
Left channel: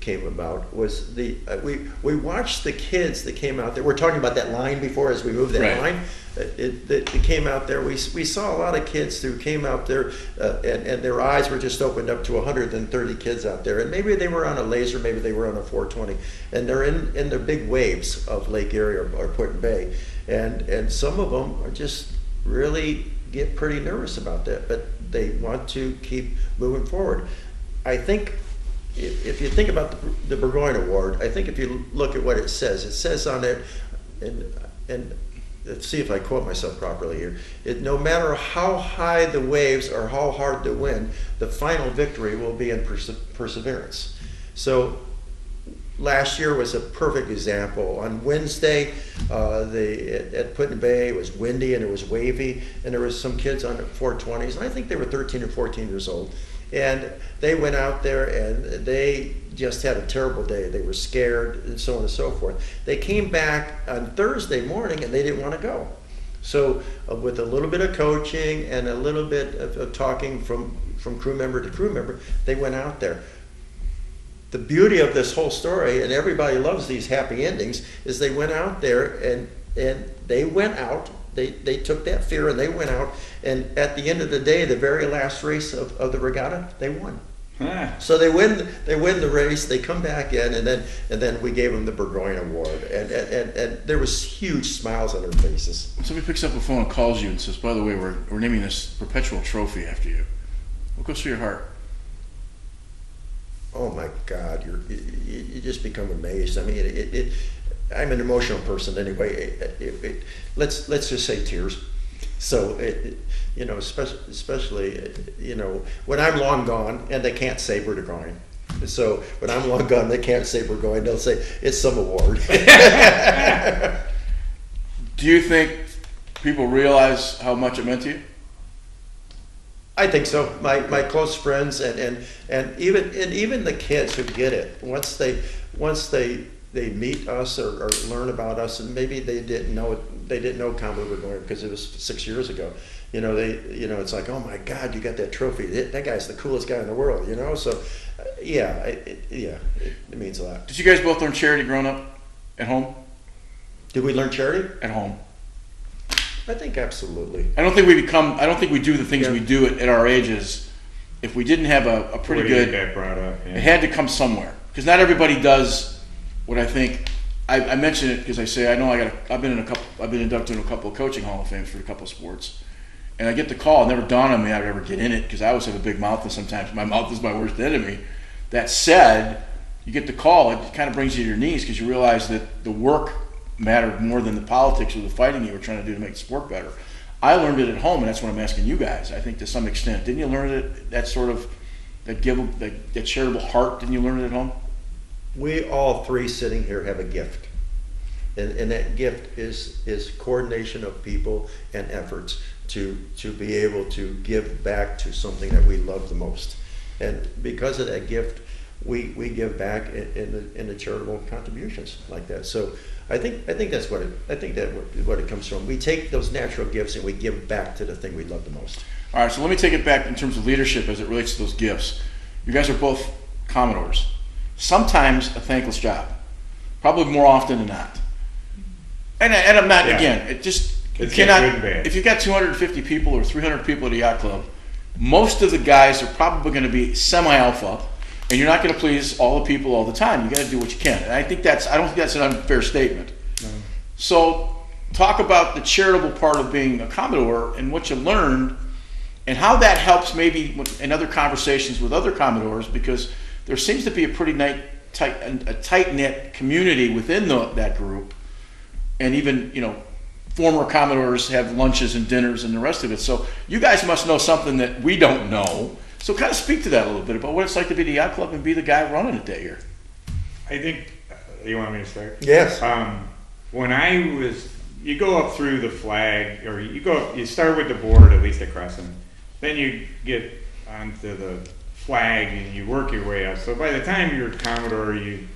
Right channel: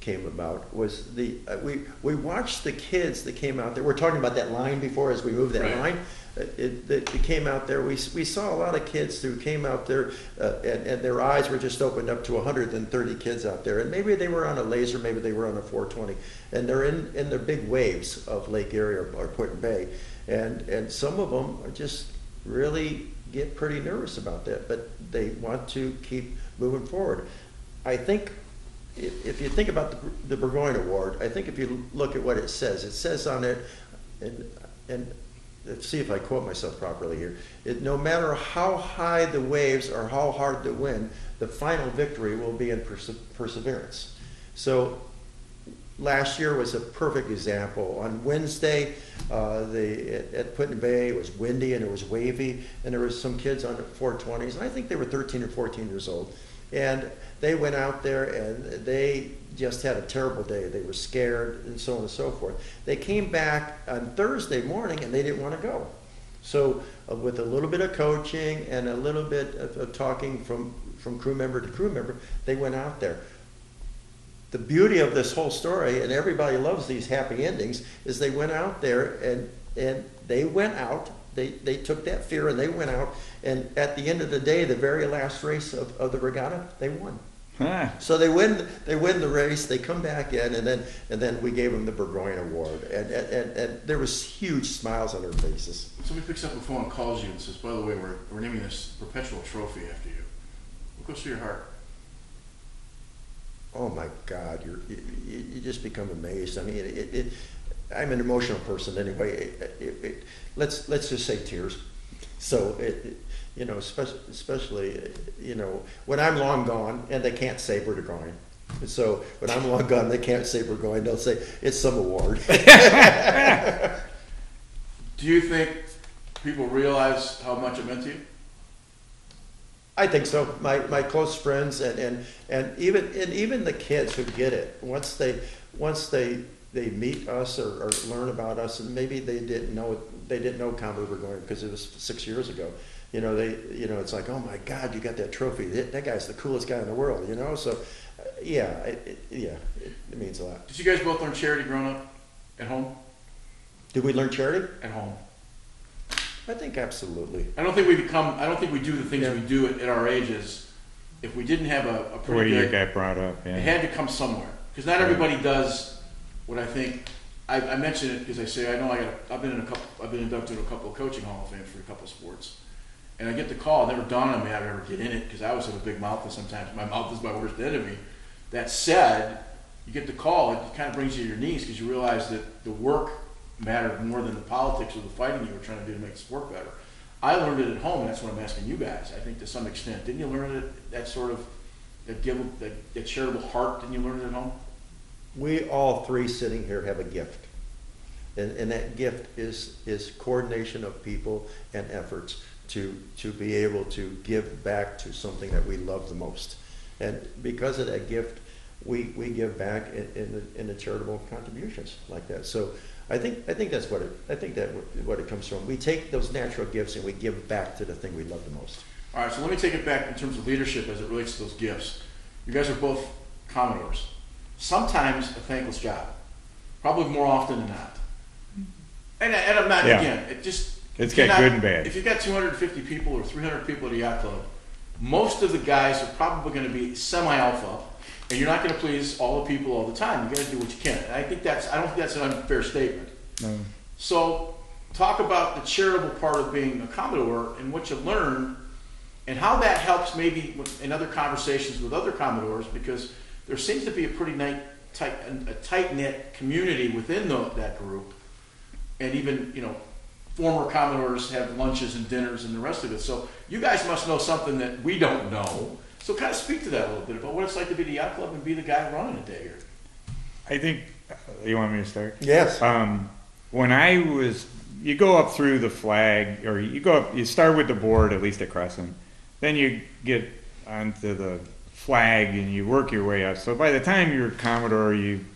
came about, was we watched the kids that came out there. We're talking about that line before as we moved that right. line. It came out there. We saw a lot of kids who came out there, and their eyes were just opened up to 130 kids out there. And maybe they were on a laser, maybe they were on a 420, and they're in the big waves of Lake Erie or Put Bay, and some of them are just really get pretty nervous about that, but they want to keep moving forward. I think if you think about the Burgoyne Award, I think if you look at what it says on it, and let's see if I quote myself properly here, no matter how high the waves or how hard the wind, the final victory will be in perseverance. So last year was a perfect example. On Wednesday, at Put Bay, it was windy and it was wavy, and there was some kids on the 420s, and I think they were 13 or 14 years old. And they went out there and they just had a terrible day. They were scared and so on and so forth. They came back on Thursday morning and they didn't want to go. So with a little bit of coaching and a little bit of talking from crew member to crew member, they went out there. The beauty of this whole story, and everybody loves these happy endings, is they went out there and they went out. They took that fear and they went out, and at the end of the day, the very last race of the regatta, they won. So they win the race. They come back in, and then we gave them the Burgoyne Award, and there was huge smiles on their faces. Somebody picks up the phone and calls you and says, "By the way, we're naming this perpetual trophy after you." What goes through your heart? Oh my God, you just become amazed. I mean, I'm an emotional person anyway. Let's just say tears. So especially when I'm long gone and they can't say Burgoyne. So when I'm long gone, they can't say Burgoyne. They'll say it's some award. Do you think people realize how much it meant to you? I think so. My close friends and even the kids who get it, once they meet us or learn about us, and maybe they didn't know Commodore Burgoyne because it was 6 years ago. It's like, oh my God, you got that trophy. That guy's the coolest guy in the world. So it means a lot. Did you guys both learn charity growing up at home? Did we learn charity at home? I think absolutely. I don't think we do the things we do at our ages if we didn't have a pretty good. Get brought up. Yeah. It had to come somewhere because not everybody does what I think. I mention it because I say I've been inducted in a couple of coaching Hall of Fames for a couple of sports, and I get the call. It never dawned on me I'd ever get in it because I always have a big mouth, and sometimes my mouth is my worst enemy. That said, you get the call, it kind of brings you to your knees because you realize that the work mattered more than the politics or the fighting you were trying to do to make the sport better. I learned it at home, and that's what I'm asking you guys. I think to some extent, didn't you learn it? That charitable heart, didn't you learn it at home? We all three sitting here have a gift, and that gift is coordination of people and efforts to be able to give back to something that we love the most. And because of that gift, we give back in the charitable contributions like that. So I think that's what it comes from. We take those natural gifts and we give back to the thing we love the most. All right, so let me take it back in terms of leadership as it relates to those gifts. You guys are both Commodores. Sometimes a thankless job, probably more often than not. And I'm not again. If you've got 250 people or 300 people at a yacht club, most of the guys are probably going to be semi-alpha. And you're not going to please all the people all the time. You got to do what you can. And I don't think that's an unfair statement. Mm. So talk about the charitable part of being a Commodore and what you learned and how that helps maybe in other conversations with other Commodores, because there seems to be a pretty tight-knit community within that group. And even, former Commodores have lunches and dinners and the rest of it. So you guys must know something that we don't know. So kind of speak to that a little bit about what it's like to be the yacht club and be the guy running it that year. I think, you want me to start? Yes. When you go up through the flag, or you start with the board, at least at Crescent. Then you get onto the flag and you work your way up. So by the time you're Commodore, you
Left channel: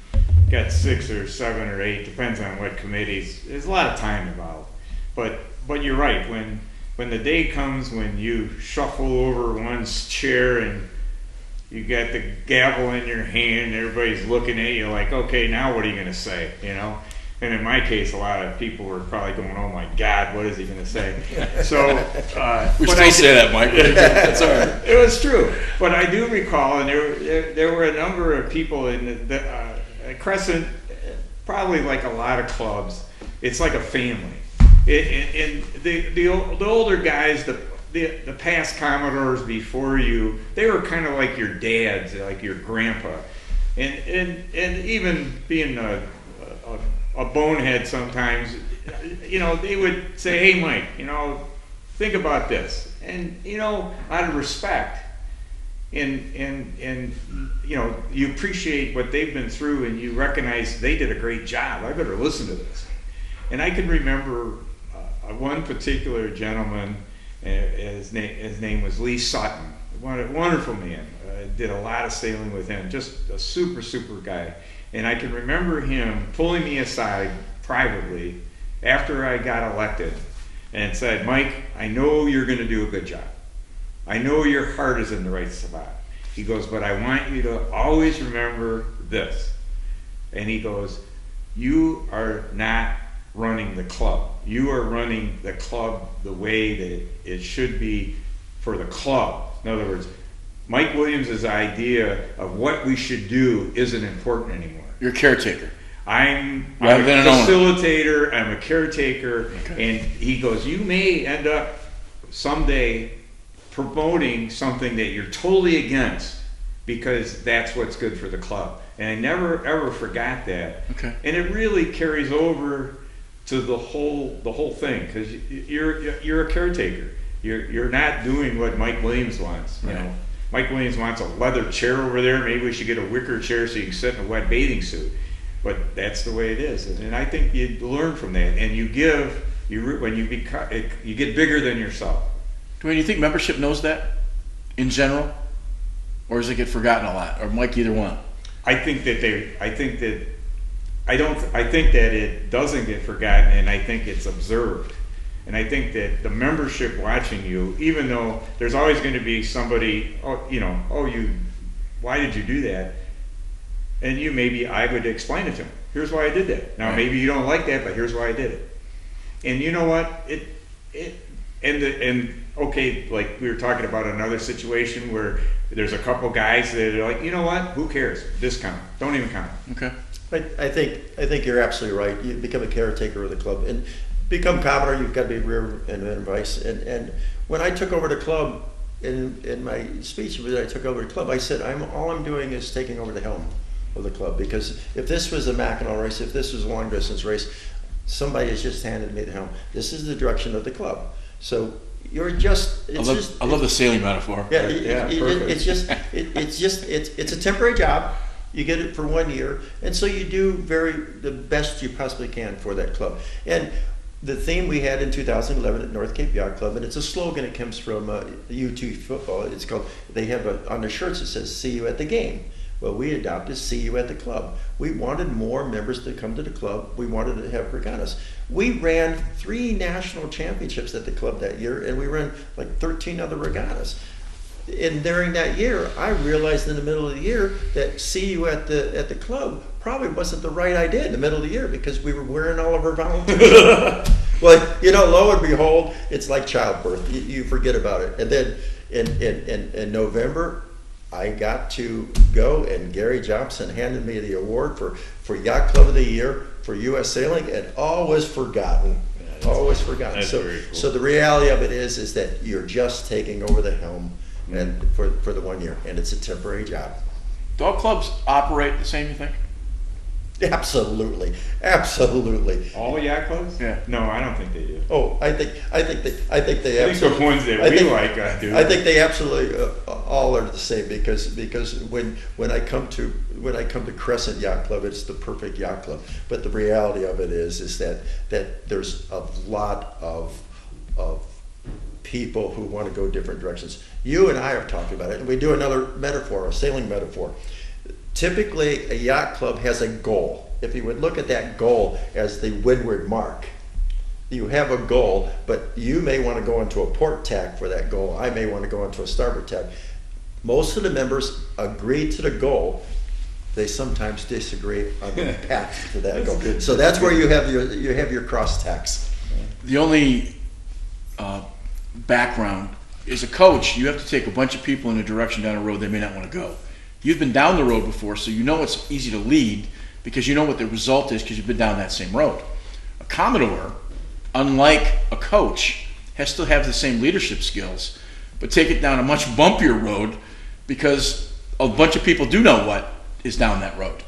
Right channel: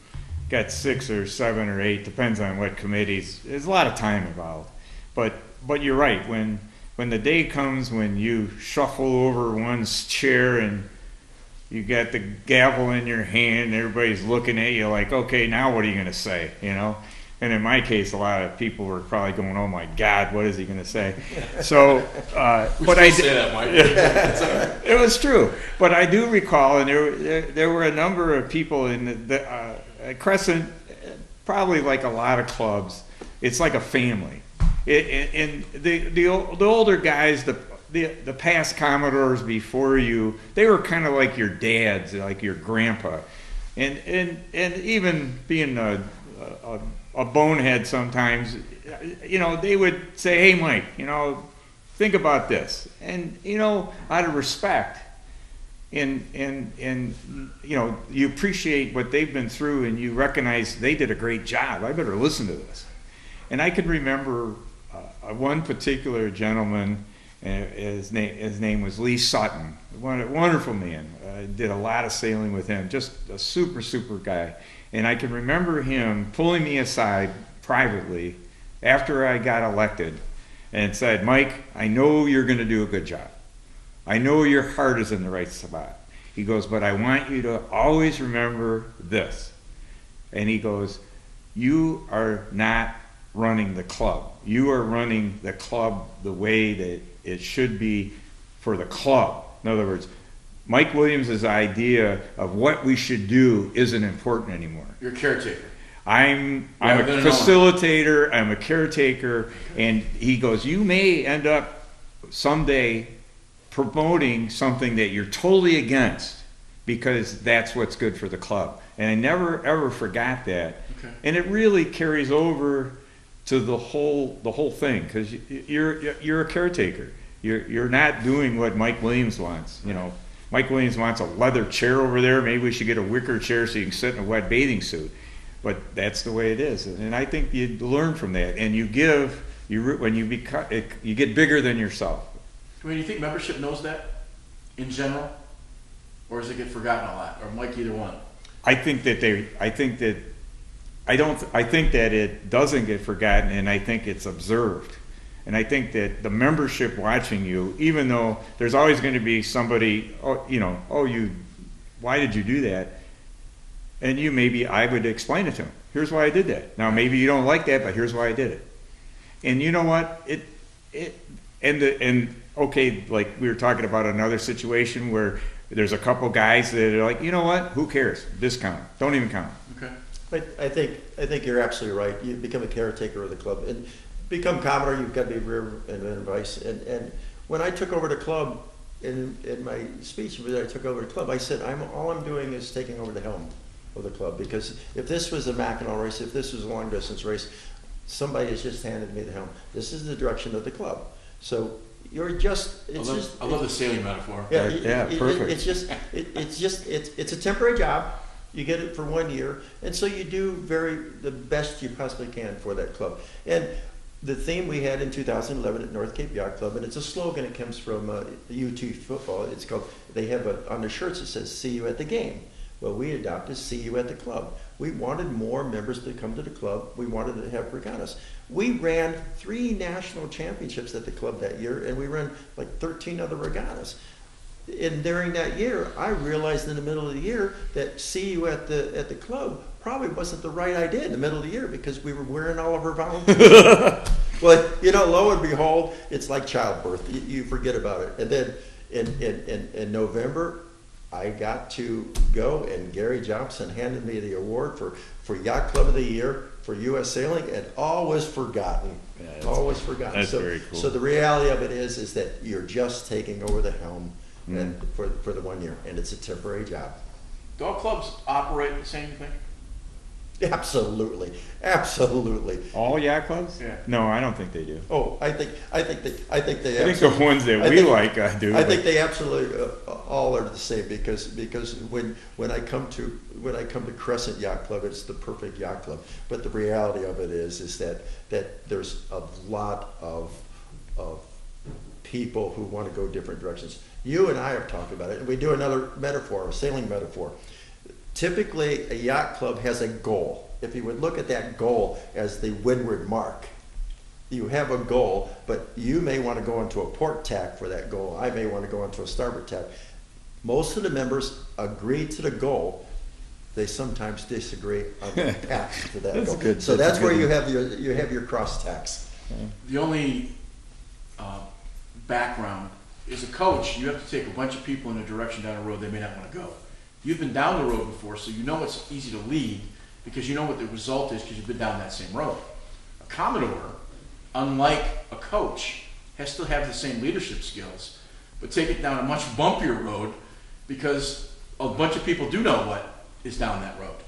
got 6 or 7 or 8, depends on what committees. There's a lot of time involved. But you're right, when the day comes when you shuffle over one's chair and you got the gavel in your hand, everybody's looking at you like, okay, now what are you going to say, you know? And in my case, a lot of people were probably going, oh my God, what is he going to say? So we still say that, Mike. That's all right. It was true. But I do recall, and there were a number of people in the Crescent, probably like a lot of clubs, it's like a family. And the older guys, the past Commodores before you, they were kind of like your dads, like your grandpa. And even being a bonehead sometimes, you know, they would say, hey, Mike, you know, think about this. And, you know, out of respect, and you know, you appreciate what they've been through and you recognize they did a great job. I better listen to this. And I can remember one particular gentleman, his name was Lee Sutton, a wonderful man. Did a lot of sailing with him, just a super, super guy. And I can remember him pulling me aside privately after I got elected and said, Mike, I know you're going to do a good job. I know your heart is in the right spot. He goes, but I want you to always remember this. And he goes, you are not running the club. You are running the club the way that it should be for the club. In other words, Mike Williams' idea of what we should do isn't important anymore. You're a caretaker. I'm a facilitator, I'm a caretaker, okay. And he goes, you may end up someday promoting something that you're totally against because that's what's good for the club. And I never ever forgot that. Okay. And it really carries over to the whole thing, because you're a caretaker. You're not doing what Mike Williams wants. You know, Mike Williams wants a leather chair over there. Maybe we should get a wicker chair so you can sit in a wet bathing suit. But that's the way it is, and I think you learn from that, and you get bigger than yourself. Duane, you think membership knows that in general, or does it get forgotten a lot, or Mike, either one? I think that it doesn't get forgotten, and I think it's observed. And I think that the membership watching you, even though there's always going to be somebody, why did you do that? And I would explain it to them. Here's why I did that. Now, maybe you don't like that, but here's why I did it. And you know what? Okay, like we were talking about another situation where there's a couple guys that are like, you know what? Who cares? Discount. Don't even count. Okay. I think you're absolutely right. You become a caretaker of the club, and become Commodore. You've got to be rear and vice. And when I took over the club, in my speech when I took over the club, I said, all I'm doing is taking over the helm of the club, because if this was a Mackinac race, if this was a long distance race, somebody has just handed me the helm. This is the direction of the club. So you're just. I love the sailing metaphor. Yeah, perfect. It's a temporary job. You get it for 1 year, and so you do the best you possibly can for that club. And the theme we had in 2011 at North Cape Yacht Club, and it's a slogan. It comes from U2 football. It's called. They have on their shirts it says "See you at the game." Well, we adopted "See you at the club." We wanted more members to come to the club. We wanted to have regattas. We ran 3 national championships at the club that year, and we ran like 13 other regattas. And during that year, I realized in the middle of the year that "See you at the club" probably wasn't the right idea in the middle of the year, because we were wearing all of our volunteers. Well, lo and behold, it's like childbirth. You forget about it. And then in November, I got to go, and Gary Johnson handed me the award for Yacht Club of the Year for U.S. Sailing, and all was forgotten. All was forgotten. That's very cool. So the reality of it is that you're just taking over the helm and for the 1 year, and it's a temporary job. Do all clubs operate the same, you think? Absolutely. All yacht clubs? Yeah. No, I don't think they do. Oh, I think they I think absolutely. the ones that we like do. I think they absolutely all are the same because when I come to Crescent Yacht Club, it's the perfect yacht club. But the reality of it is that there's a lot of people who want to go different directions. You and I have talked about it, and we do another metaphor, a sailing metaphor. Typically, a yacht club has a goal. If you would look at that goal as the windward mark, you have a goal, but you may want to go into a port tack for that goal. I may want to go into a starboard tack. Most of the members agree to the goal. They sometimes disagree on the path to that goal. So that's where you have your cross tacks. The only background is a coach. You have to take a bunch of people in a direction down a road they may not want to go. You've been down the road before, so you know it's easy to lead because you know what the result is because you've been down that same road. A Commodore, unlike a coach, still have the same leadership skills, but take it down a much bumpier road because a bunch of people do know what is down that road.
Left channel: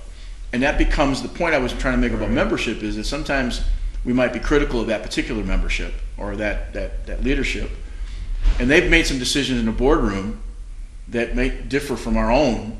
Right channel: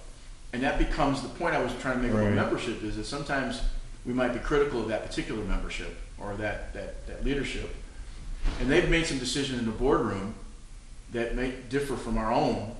And that becomes the point I was trying to make about membership, is that sometimes we might be critical of that particular membership or that leadership. And they've made some decisions in the boardroom that may differ from our own.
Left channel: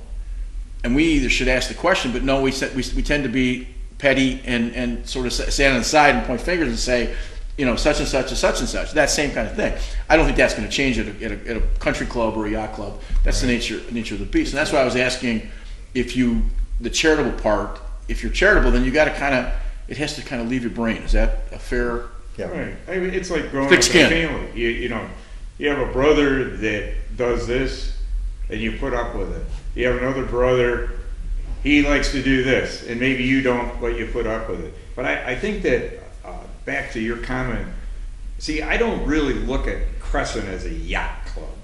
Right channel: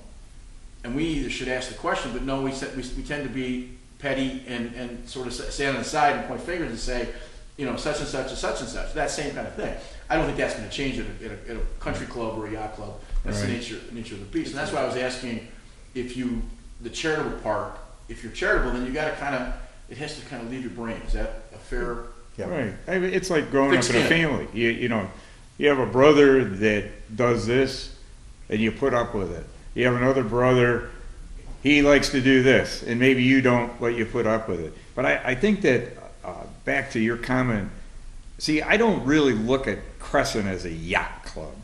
And we either should ask the question, but no, we tend to be petty and sort of stand on the side and point fingers and say, you know, such and such and such and such. That same kind of thing. I don't think that's going to change at a country club or a yacht club. That's the nature of the beast. And that's why I was asking the charitable part, if you're charitable, then you got to it has to kind of leave your brain. Is that a fair? Yeah. Right. I mean, it's like growing up in a family. You know, you have a brother that does this, and you put up with it. You have another brother, he likes to do this, and maybe you don't let you put up with it. But I think that, back to your comment, see, I don't really look at Crescent as a yacht club.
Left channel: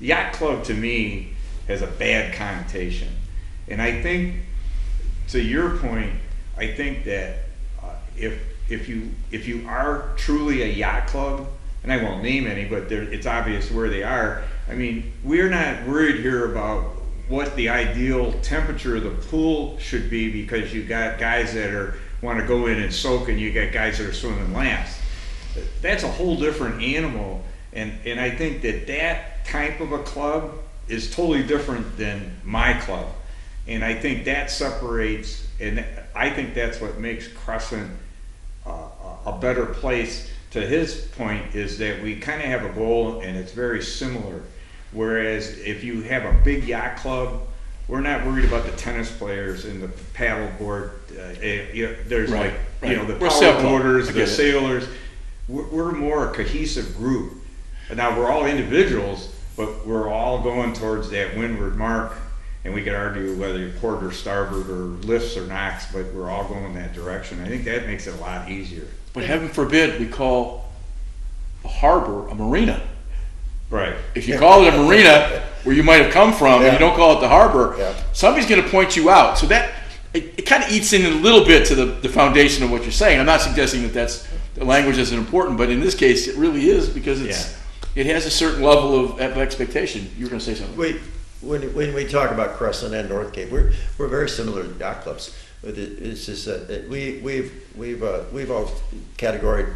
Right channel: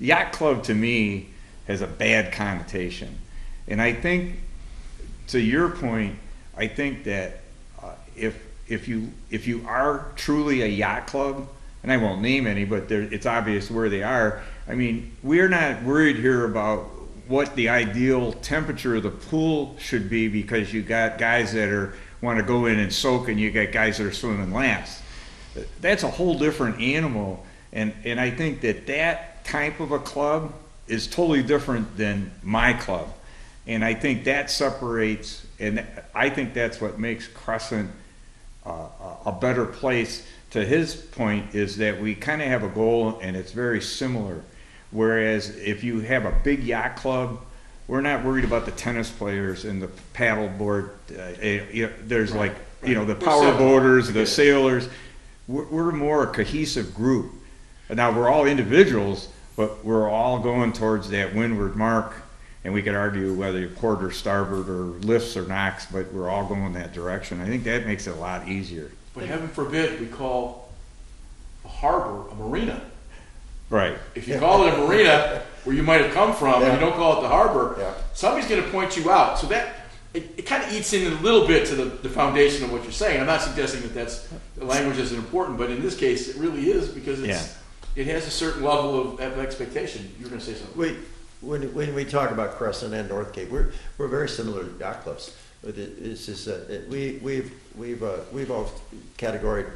Yacht club to me has a bad connotation. And I think, to your point, I think that if you are truly a yacht club, and I won't name any, but it's obvious where they are. I mean, we're not worried here about what the ideal temperature of the pool should be because you got guys that want to go in and soak and you got guys that are swimming laps. That's a whole different animal, and I think that type of a club is totally different than my club, and I think that separates, and I think that's what makes Crescent a better place. To his point, is that we kind of have a goal and it's very similar. Whereas if you have a big yacht club, we're not worried about the tennis players and the paddle board. There's the power boarders, the sailors. We're more a cohesive group. Now we're all individuals, but we're all going towards that windward mark. And we could argue whether you're port or starboard or lifts or knocks, but we're all going that direction. I think that makes it a lot easier. But heaven forbid we call a harbor a marina. Right. If you call it a marina where you might have come from, and you don't call it the harbor, somebody's going to point you out. So that it kind of eats in a little bit to the foundation of what you're saying. I'm not suggesting that the language isn't important, but in this case, it really is because it has a certain level of expectation. You were going to say something. When we talk about Crescent and North Cape, we're very similar to yacht clubs. It's just we've all categorized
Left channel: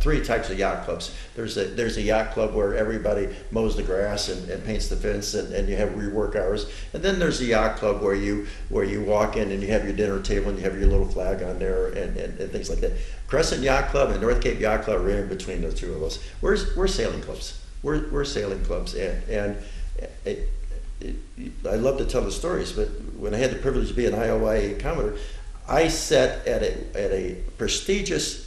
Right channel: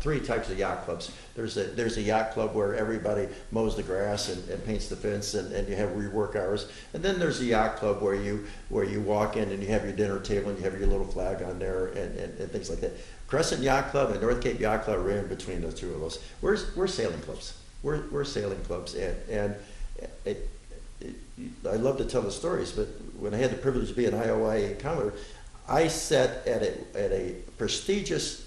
three types of yacht clubs. There's a yacht club where everybody mows the grass and paints the fence and you have your work hours. And then there's a yacht club where you walk in and you have your dinner table and you have your little flag on there and things like that. Crescent Yacht Club and North Cape Yacht Club are in between the two of us. We're sailing clubs. We're sailing clubs and I love to tell the stories, but when I had the privilege to be an IOIA Commodore, I sat at a prestigious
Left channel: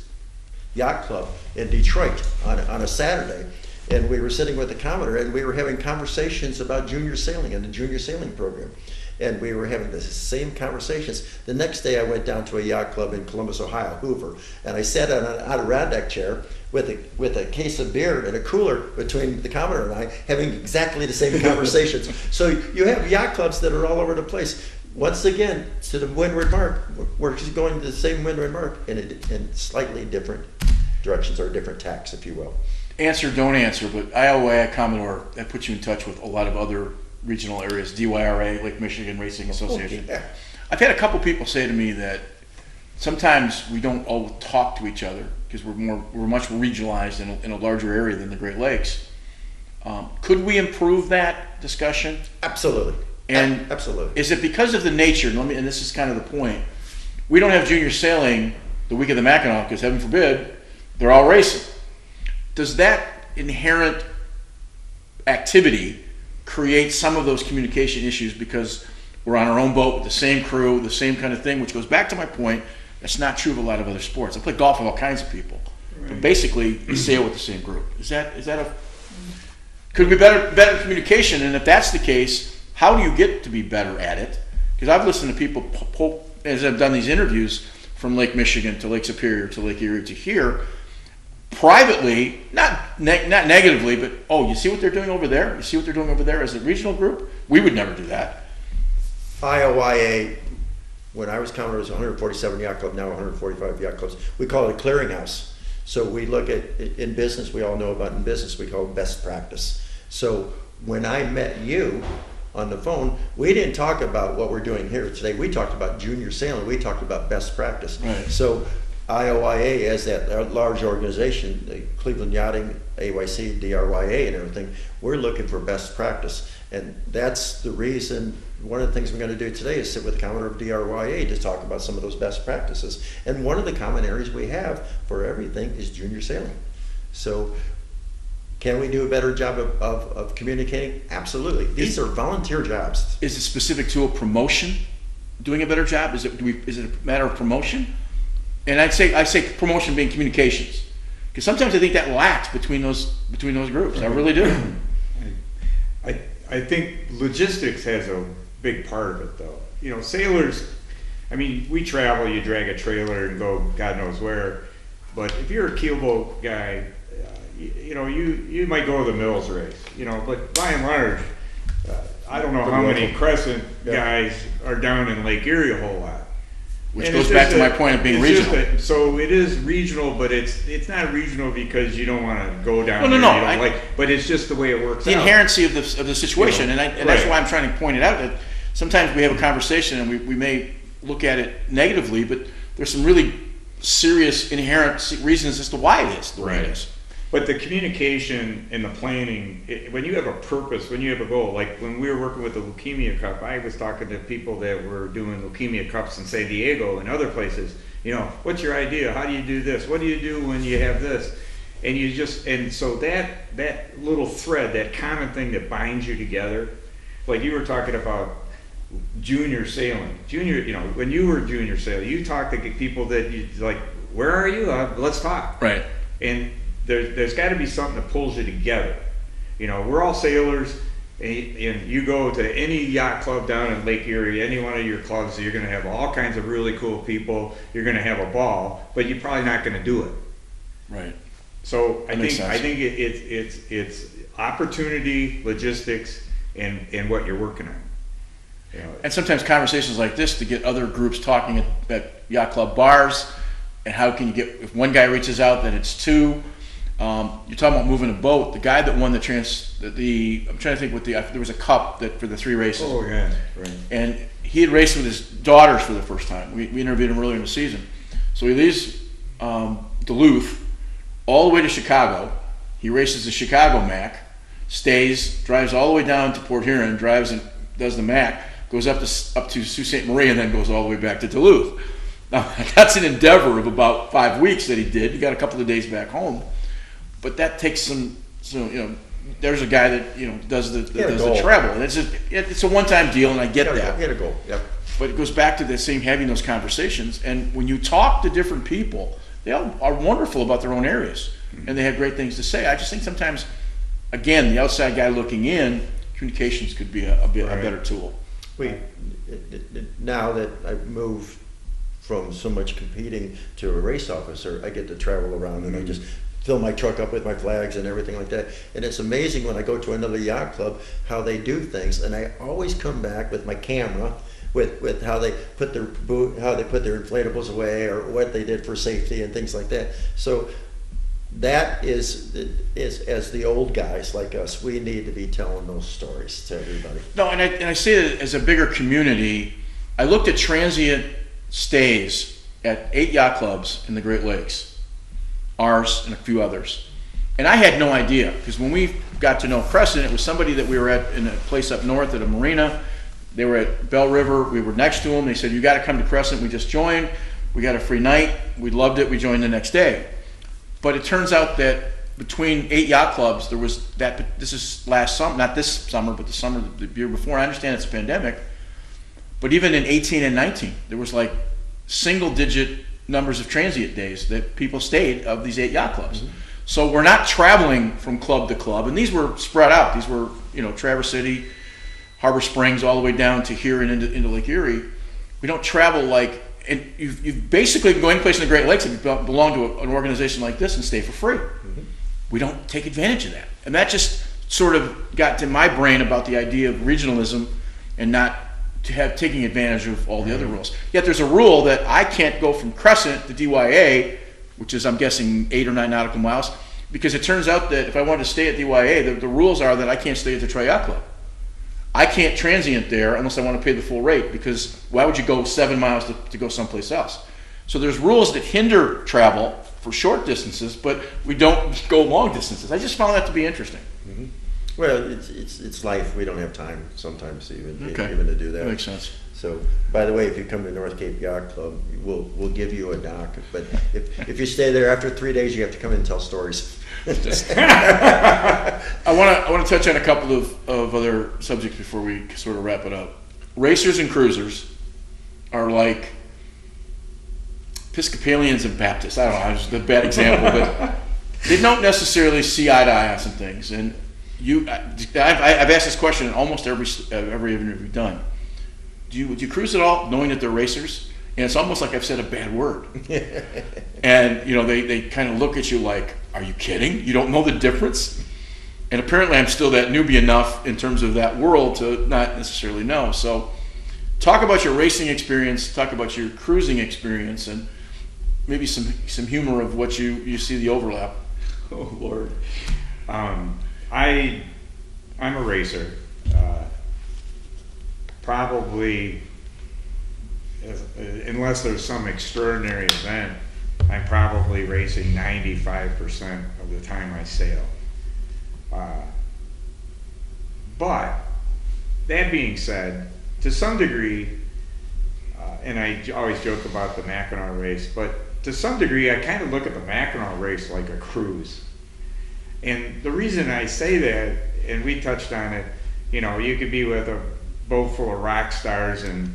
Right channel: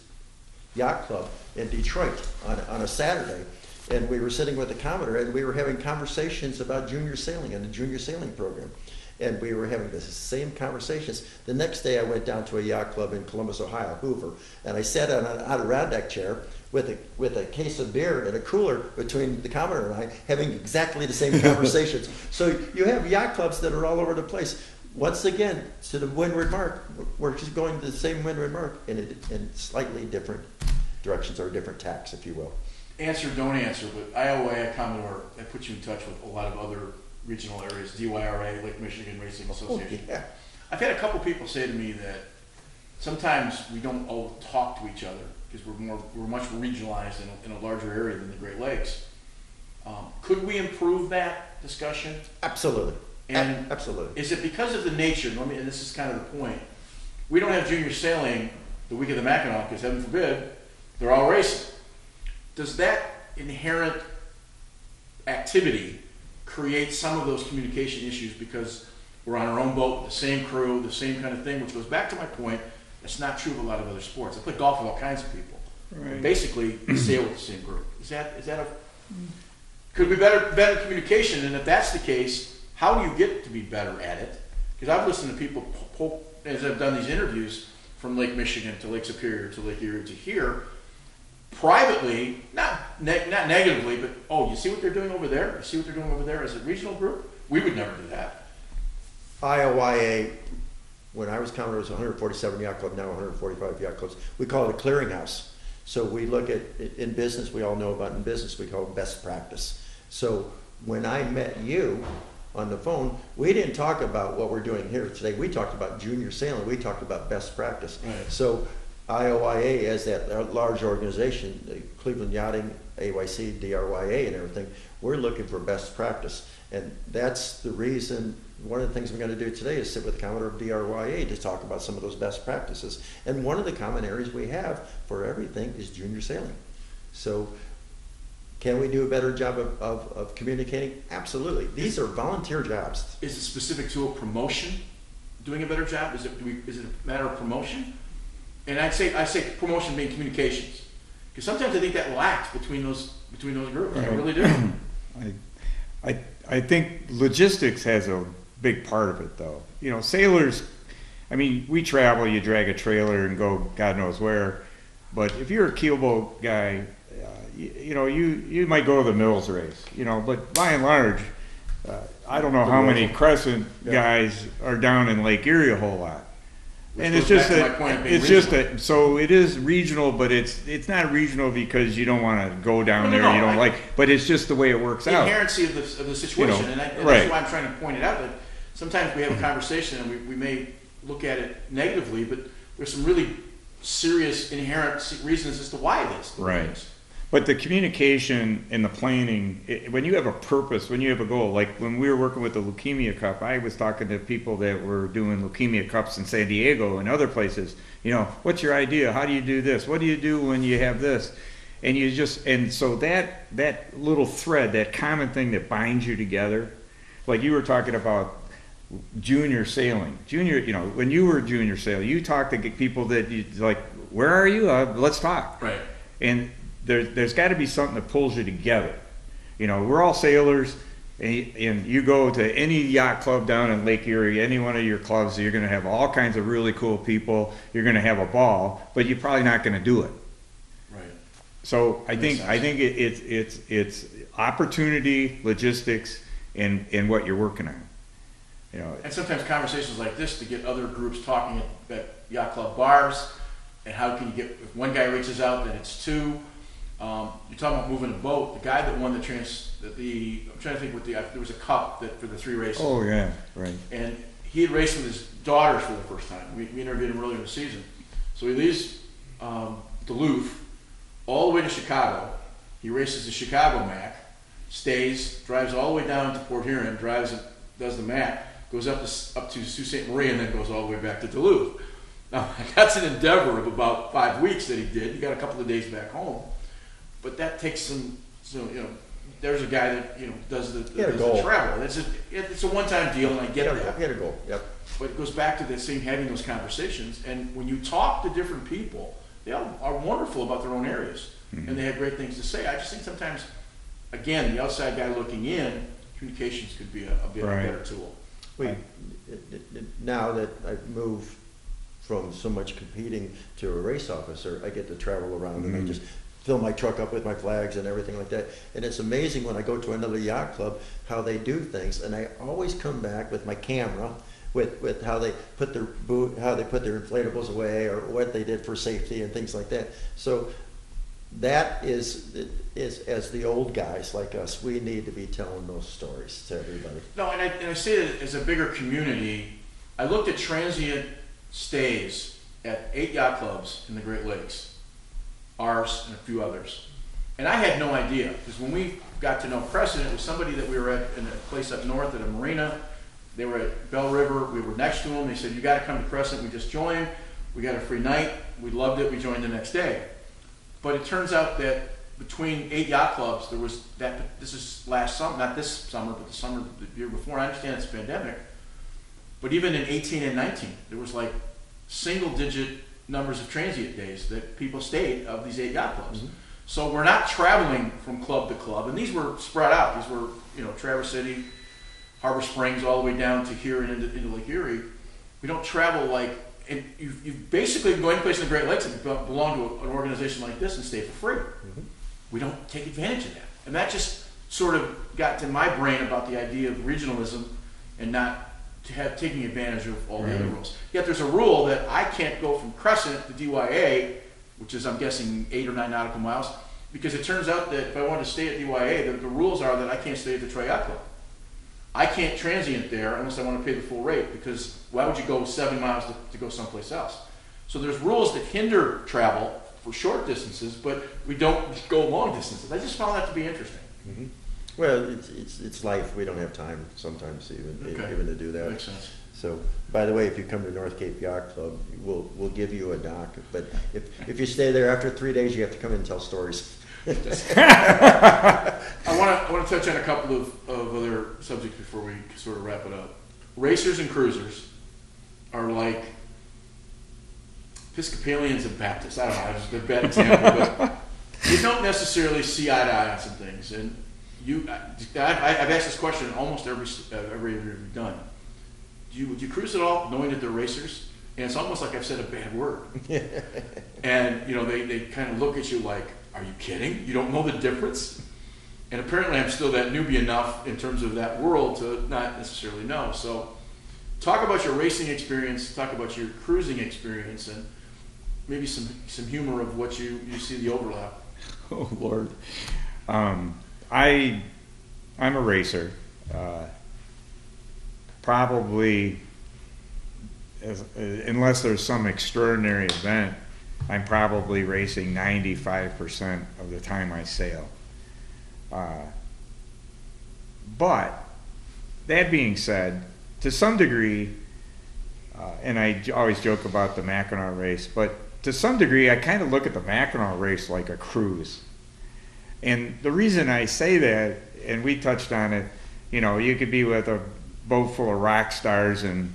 yacht club in Detroit on a Saturday, and we were sitting with the Commodore, and we were having conversations about junior sailing and the junior sailing program, and we were having the same conversations. The next day, I went down to a yacht club in Columbus, Ohio, Hoover, and I sat on an Adirondack chair with a case of beer and a cooler between the Commodore and I, having exactly the same conversations. So you have yacht clubs that are all over the place. Once again, to the windward mark, we're just going to the same windward mark in slightly different directions or different tacks, if you will. Answer, don't answer, but IOIA Commodore, that puts you in touch with a lot of other regional areas, DYRA, Lake Michigan Racing Association. Yeah. I've had a couple people say to me that sometimes we don't all talk to each other because we're much regionalized in a larger area than the Great Lakes. Could we improve that discussion? Absolutely. And absolutely. Is it because of the nature, and this is kind of the point, we don't have junior sailing the week of the Mackinac because heaven forbid, they're all racing. Does that inherent activity create some of those communication issues because we're on our own boat with the same crew, the same kind of thing, which goes back to my point, that's not true of a lot of other sports. I play golf with all kinds of people. Right. Basically, you sail with the same group. Could be better communication? And if that's the case, how do you get to be better at it? Because I've listened to people, as I've done these interviews, from Lake Michigan to Lake Superior to Lake Erie to here, privately, not negatively, but, oh, you see what they're doing over there? You see what they're doing over there as a regional group? We would never do that. IOYA, when I was Commodore, it was 147 yacht club, now 145 yacht clubs. We call it a clearinghouse. So we look at, in business, we all know about in business, we call it best practice. So when I met you on the phone, we didn't talk about what we're doing here today. We talked about junior sailing. We talked about best practice. Right. So IOYA, as that large organization, the Cleveland Yachting, AYC, DRYA and everything, we're looking for best practice. And that's the reason, one of the things we're going to do today is sit with the Commodore of DRYA to talk about some of those best practices. And one of the common areas we have for everything is junior sailing. So can we do a better job of communicating? Absolutely. These are volunteer jobs. Is it specific to a promotion doing a better job? Is it a matter of promotion? And I say promotion being communications, because sometimes I think that lacks between those groups. I really do. I think logistics has a big part of it, though. You know, sailors, I mean, we travel, you drag a trailer and go God knows where, but if you're a keelboat guy, you know, you might go to the Mills race, you know, but by and large, I don't know how many Crescent guys are down in Lake Erie a whole lot. Which goes back to my point of being regional. So it is regional, but it's not regional because you don't want to go down there. You don't but it's just the way it works out. The inherency of the situation, and that's why I'm trying to point it out. That sometimes we have a conversation and we may look at it negatively, but there's some really serious inherent reasons as to why it is the way it is. But the communication and the planning, when you have a purpose, when you have a goal, like when we were working with the Leukemia Cup, I was talking to people that were doing Leukemia Cups in San Diego and other places. You know, what's your idea? How do you do this? What do you do when you have this? And so that little thread, that common thing that binds you together, like you were talking about junior sailing. When you were junior sailing, you talked to people that you like, where are you? Let's talk. Right. And there's got to be something that pulls you together. You know, we're all sailors, and you go to any yacht club down in Lake Erie, any one of your clubs, you're going to have all kinds of really cool people. You're going to have a ball, but you're probably not going to do it. Right. So I think it's opportunity, logistics, and what you're working on. You know, and sometimes conversations like this to get other groups talking at yacht club bars, and how can you get, if one guy reaches out, then it's two. You're talking about moving a boat. The guy that won I'm trying to think there was a cup that for the 3 races. Oh yeah, right. And he had raced with his daughters for the first time. We interviewed him earlier in the season. So he leaves Duluth all the way to Chicago. He races the Chicago Mac, drives all the way down to Port Huron, drives and does the Mac, goes up to Sault Ste. Marie, and then goes all the way back to Duluth. Now, that's an endeavor of about 5 weeks that he did. He got a couple of days back home. But that takes some there's a guy that, does the travel. And it's a one-time deal, and I get that. He had a goal, yep. But it goes back to the same having those conversations. And when you talk to different people, they all are wonderful about their own areas. Mm-hmm. And they have great things to say. I just think sometimes, again, the outside guy looking in, communications could be a better tool. Now that I've moved from so much competing to a race officer, I get to travel around and I just fill my truck up with my flags and everything like that. And it's amazing when I go to another yacht club how they do things. And I always come back with my camera with how they put their inflatables away or what they did for safety and things like that. So that is as the old guys like us, we need to be telling those stories to everybody. No, and I say that as a bigger community. I looked at transient stays at 8 yacht clubs in the Great Lakes, ours and a few others. And I had no idea, because when we got to know Crescent, it was somebody that we were at in a place up north at a marina. They were at Bell River. We were next to them. They said, you got to come to Crescent. We just joined. We got a free night. We loved it. We joined the next day. But it turns out that between 8 yacht clubs, there was that, this is last summer, not this summer, but the summer, the year before. I understand it's a pandemic. But even in 18 and 19, there was like single-digit numbers of transient days that people stayed of these 8 yacht clubs. Mm-hmm. So we're not traveling from club to club, and these were spread out. These were, Traverse City, Harbor Springs, all the way down to here and into Lake Erie. We don't travel like, and you've basically been going place in the Great Lakes and belong to an organization like this and stay for free. Mm-hmm. We don't take advantage of that. And that just sort of got to my brain about the idea of regionalism and not taking advantage of all the other rules. Yet there's a rule that I can't go from Crescent to DYA, which is, I'm guessing, 8 or 9 nautical miles, because it turns out that if I want to stay at DYA, the rules are that I can't stay at the Troy Yacht Club. I can't transient there unless I want to pay the full rate, because why would you go 7 miles to go someplace else? So there's rules that hinder travel for short distances, but we don't go long distances. I just found that to be interesting. Mm-hmm. Well, it's life. We don't have time sometimes even to do that. Makes sense. So, by the way, if you come to North Cape Yacht Club, we'll give you a dock. But if you stay there after 3 days, you have to come in and tell stories. I want to touch on a couple of other subjects before we sort of wrap it up. Racers and cruisers are like Episcopalians and Baptists. I don't know, it's a bad example, but they don't necessarily see eye to eye on some things. And I've asked this question in almost every interview we've done. Do you cruise at all, knowing that they're racers? And it's almost like I've said a bad word. And they kind of look at you like, are you kidding? You don't know the difference? And apparently I'm still that newbie enough in terms of that world to not necessarily know. So talk about your racing experience, talk about your cruising experience, and maybe some humor of what you see the overlap. Oh, Lord. I'm a racer. Probably, unless there's some extraordinary event, I'm probably racing 95% of the time I sail. But that being said, to some degree, and I always joke about the Mackinac race, but to some degree I kind of look at the Mackinac race like a cruise. And the reason I say that, and we touched on it, you could be with a boat full of rock stars and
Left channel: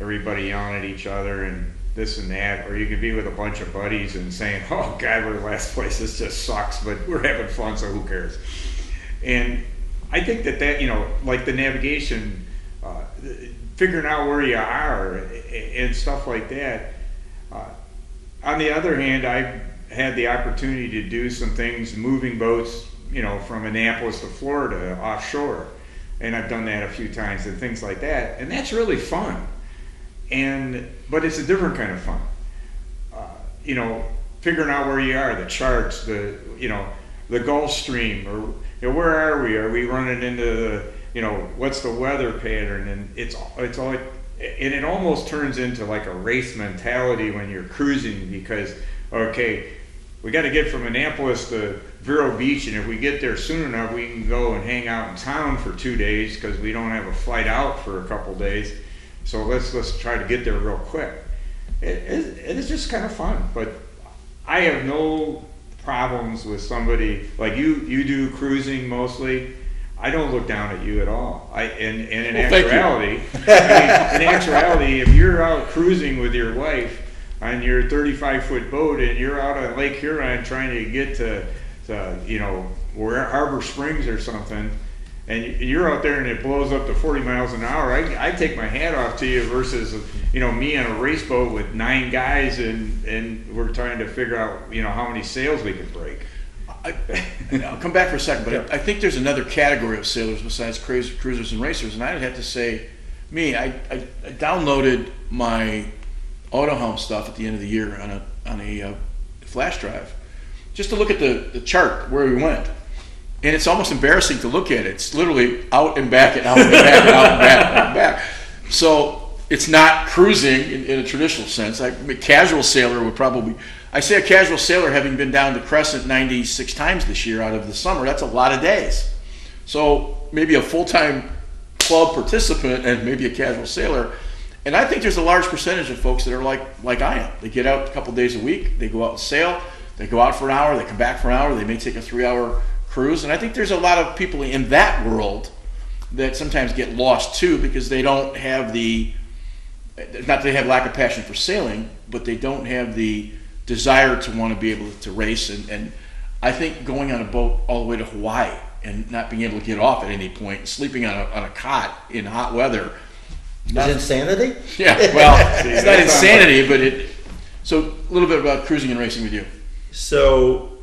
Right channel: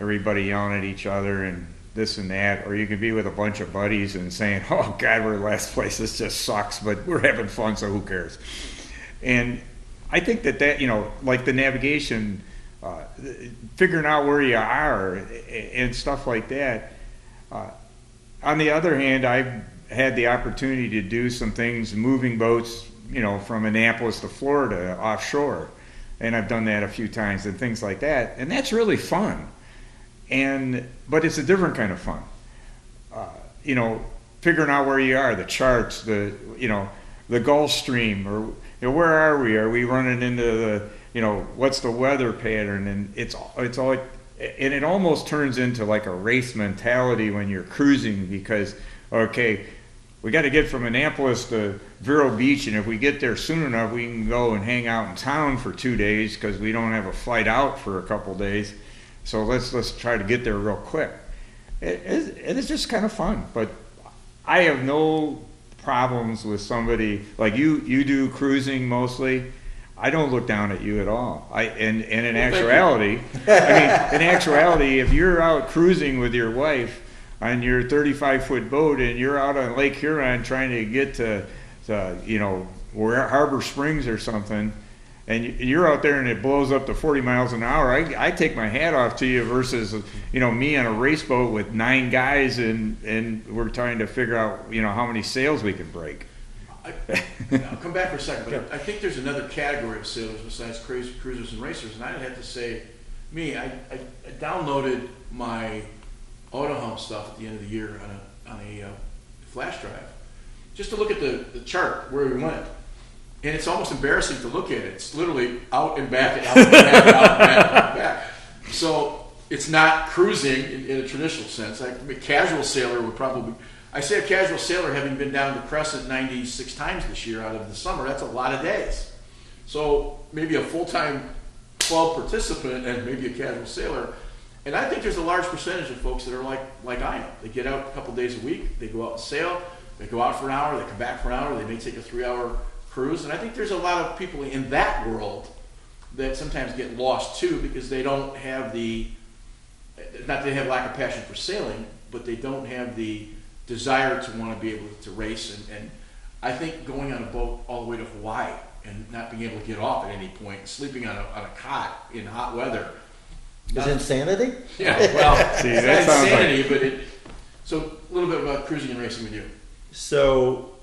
everybody yelling at each other and this and that, or you could be with a bunch of buddies and saying, oh God, we're last place, this just sucks, but we're having fun, so who cares? And I think that like the navigation, figuring out where you are and stuff like that. On the other hand, I've had the opportunity to do some things, moving boats, from Annapolis to Florida offshore. And I've done that a few times and things like that. And that's really fun. But it's a different kind of fun. Figuring out where you are, the charts, the Gulf Stream, or where are we? Are we running into the, what's the weather pattern? And it's all like, and it almost turns into like a race mentality when you're cruising, because, okay, we got to get from Annapolis to Vero Beach, and if we get there soon enough, we can go and hang out in town for 2 days because we don't have a flight out for a couple days. So let's try to get there real quick. It's just kind of fun, but I have no problems with somebody like you do cruising mostly. I don't look down at you at all. In actuality, if you're out cruising with your wife on your 35-foot boat and you're out on Lake Huron trying to get to where Harbor Springs or something, and you're out there and it blows up to 40 miles an hour, I take my hat off to you versus me on a race boat with 9 guys and we're trying to figure out how many sails we can break. I'll come back for a second, but I think there's another category of sailors besides cruisers and racers, and I'd have to say, I downloaded my auto helm stuff at the end of the year on a flash drive, just to look at the chart where we went, and it's almost embarrassing to look at it. It's literally out and back and out and back and out and back and out and back. So it's not cruising in a traditional sense. A casual sailor would probably, I say a casual sailor having been down to Crescent 96 times this year out of the summer, that's a lot of days. So maybe a full-time club participant and maybe a casual sailor. And I think there's a large percentage of folks that are like I am. They get out a couple days a week, they go out and sail, they go out for an hour, they come back for an hour, they may take a 3-hour cruise. And I think there's a lot of people in that world that sometimes get lost too, because they don't have not that they have lack of passion for sailing, but they don't have the desire to want to be able to race. And I think going on a boat all the way to Hawaii and not being able to get off at any point, sleeping on a cot in hot weather, is insanity? Yeah, well, it's not insanity, but so a little bit about cruising and racing with you. So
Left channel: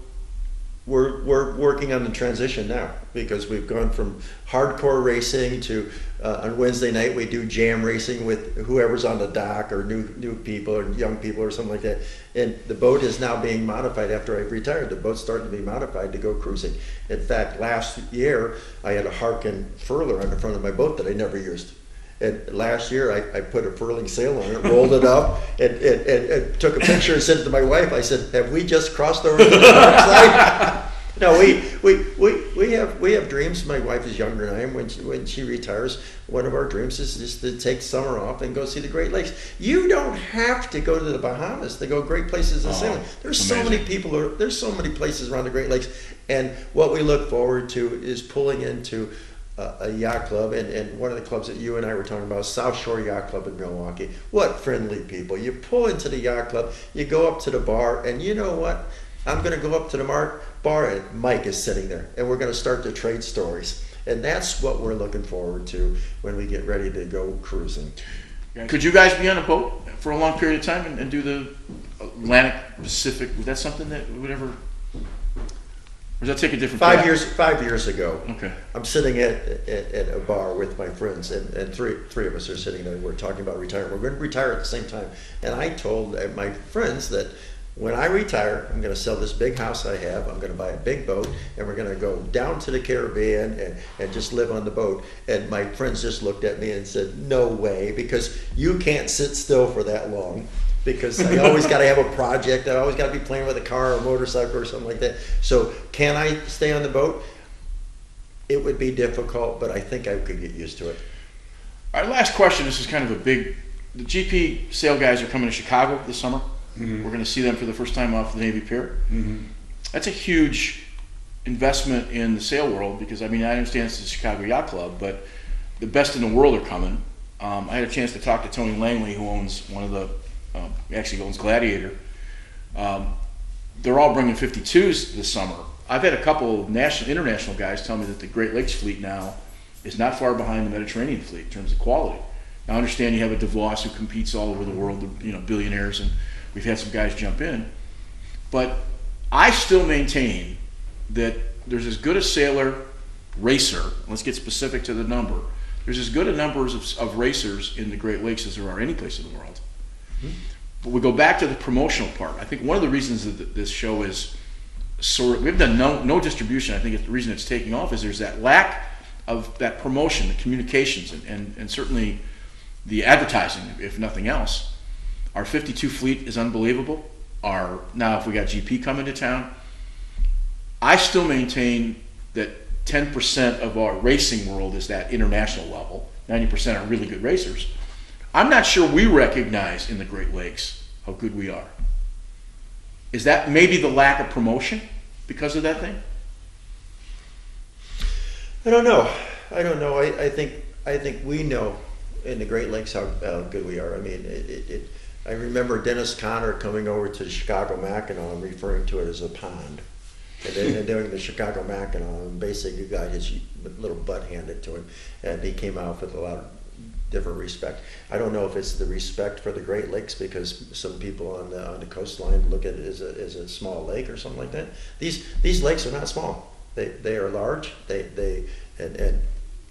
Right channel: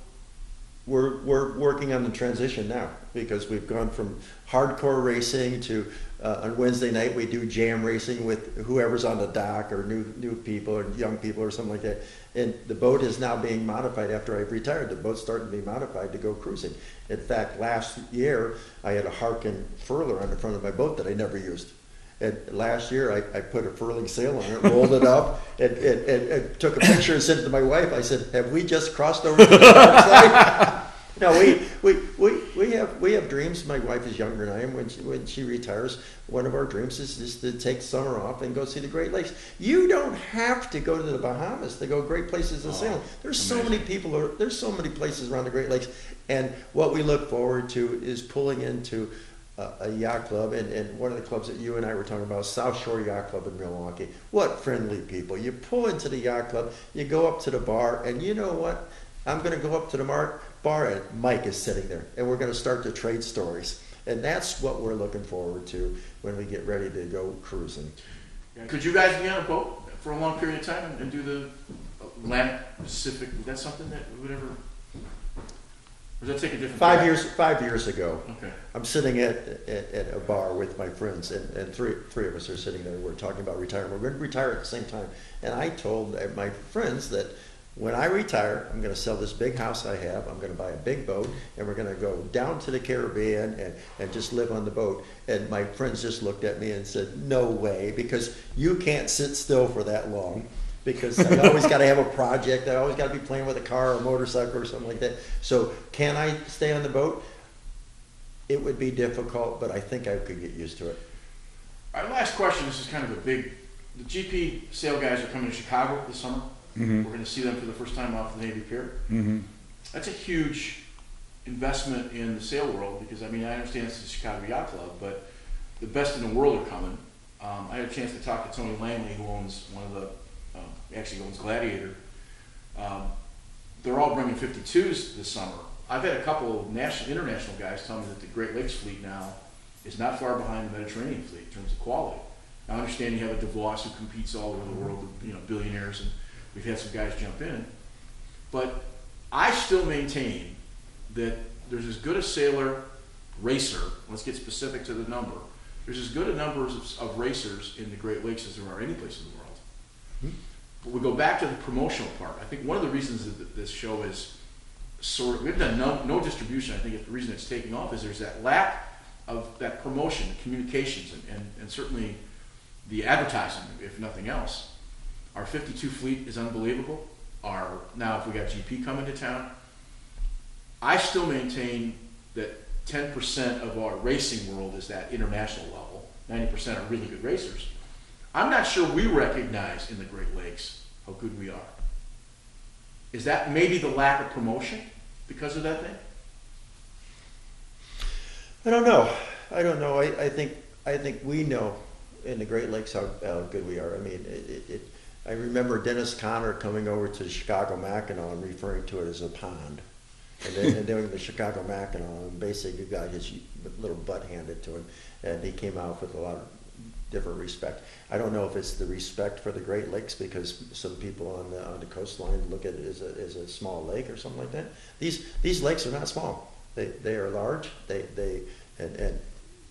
we're working on the transition now, because we've gone from hardcore racing to on Wednesday night we do jam racing with whoever's on the dock, or new people or young people or something like that. And the boat is now being modified after I've retired. The boat's starting to be modified to go cruising. In fact, last year I had a Harkin furler on the front of my boat that I never used. And last year I put a furling sail on it, rolled it up, and took a picture and sent it to my wife. I said, "Have we just crossed over to the dark side?" No, we have dreams. My wife is younger than I am. When she retires, one of our dreams is just to take summer off and go see the Great Lakes. You don't have to go to the Bahamas to go great places of sailing. There's so many people. There's so many places around the Great Lakes, and what we look forward to is pulling into a yacht club, and one of the clubs that you and I were talking about, South Shore Yacht Club in Milwaukee. What friendly people. You pull into the yacht club, you go up to the bar, and you know what? I'm going to go up to the bar, and Mike is sitting there, and we're going to start to trade stories. And that's what we're looking forward to when we get ready to go cruising. Could you guys be on a boat for a long period of time and do the Atlantic Pacific? Was that something that would ever... Or does that take a different 5 years ago, okay. I'm sitting at a bar with my friends, and three of us are sitting there. We're talking about retiring. We're going to retire at the same time. And I told my friends that when I retire, I'm going to sell this big house I have. I'm going to buy a big boat, and we're going to go down to the Caribbean and just live on the boat. And my friends just looked at me and said, "No way," because you can't sit still for that long. Because I always got to have a project. I always got to be playing with a car or a motorcycle or something like that. So can I stay on the boat? It would be difficult, but I think I could get used to it. Our last question, this is kind of the GP sail guys are coming to Chicago this summer. Mm-hmm. We're going to see them for the first time off the Navy Pier. Mm-hmm. That's a huge investment in the sail world, because I understand it's the Chicago Yacht Club, but the best in the world are coming. I had a chance to talk to Tony Langley, who owns one of the actually owns Gladiator. They're all bringing 52s this summer. I've had a couple of international guys tell me that the Great Lakes fleet now is not far behind the Mediterranean fleet in terms of quality. Now, I understand you have a DeVos who competes all over the world, billionaires, and we've had some guys jump in. But I still maintain that there's as good a sailor racer, let's get specific to the number, there's as good a numbers of racers in the Great Lakes as there are any place in the world. But we go back to the promotional part. I think one of the reasons that this show is we've done no distribution. I think the reason it's taking off is there's that lack of that promotion, the communications, and certainly the advertising, if nothing else. Our 52 fleet is unbelievable. Now if we got GP coming to town, I still maintain that 10% of our racing world is that international level. 90% are really good racers. I'm not sure we recognize in the Great Lakes how good we are. Is that maybe the lack of promotion because of that thing? I don't know. I think we know in the Great Lakes how good we are. I remember Dennis Conner coming over to Chicago Mackinac and referring to it as a pond. And doing the Chicago Mackinac, and basically got his little butt handed to him, and he came out with a lot of different respect. I don't know if it's the respect for the Great Lakes, because some people on the coastline look at it as a small lake or something like that. These lakes are not small. They are large. And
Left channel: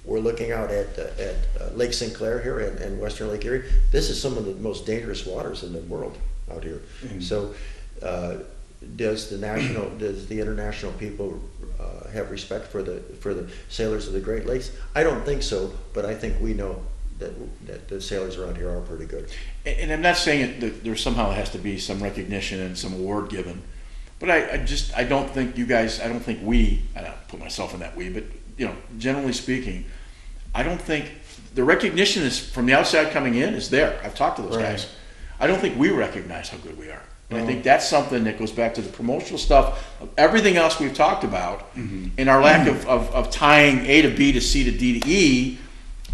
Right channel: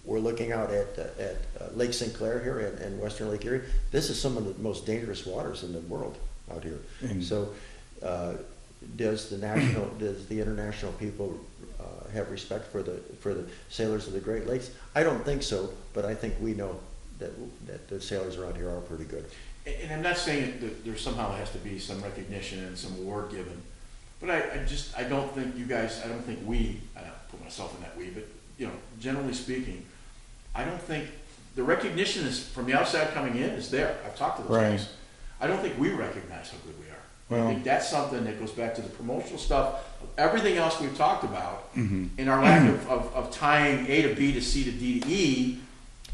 we're looking out at Lake St. Clair here and Western Lake Erie. This is some of the most dangerous waters in the world out here. Mm-hmm. So does the international people have respect for the sailors of the Great Lakes? I don't think so, but I think we know that the sailors around here are pretty good. And I'm not saying that there somehow has to be some recognition and some award given, but I don't think you guys, I don't think we, I don't put myself in that we, but generally speaking, I don't think the recognition is from the outside coming in is there. I've talked to those guys. I don't think we recognize how good we are. And I think that's something that goes back to the promotional stuff, of everything else we've talked about, and our lack of tying A to B to C to D to E,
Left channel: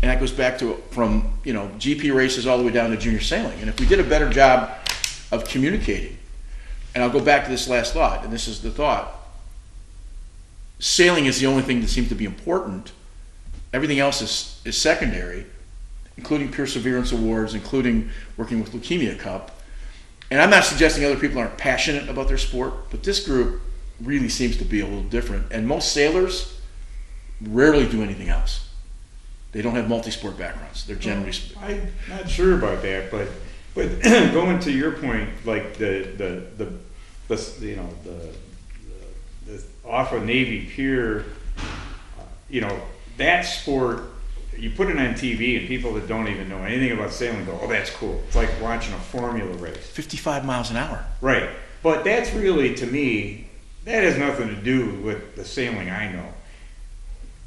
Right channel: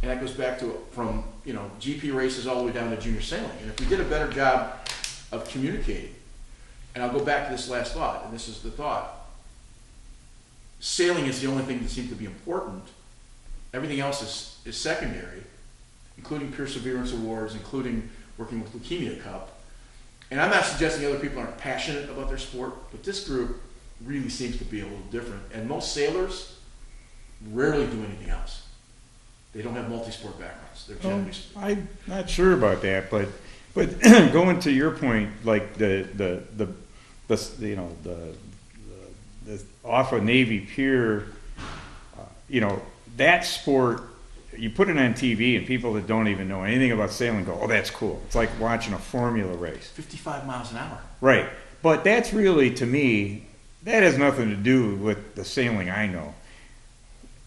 and that goes back to from GP races all the way down to junior sailing. And if we did a better job of communicating, and I'll go back to this last thought, and this is the thought, sailing is the only thing that seems to be important. Everything else is secondary, including Perseverance Awards, including working with Leukemia Cup. And I'm not suggesting other people aren't passionate about their sport, but this group really seems to be a little different. And most sailors rarely do anything else. They don't have multi-sport backgrounds. They're generally. I'm not sure about that, but going to your point, like the off of Navy Pier, that sport. You put it on TV, and people that don't even know anything about sailing go, "Oh, that's cool." It's like watching a formula race. 55 miles an hour. Right. But that's really, to me, that has nothing to do with the sailing I know.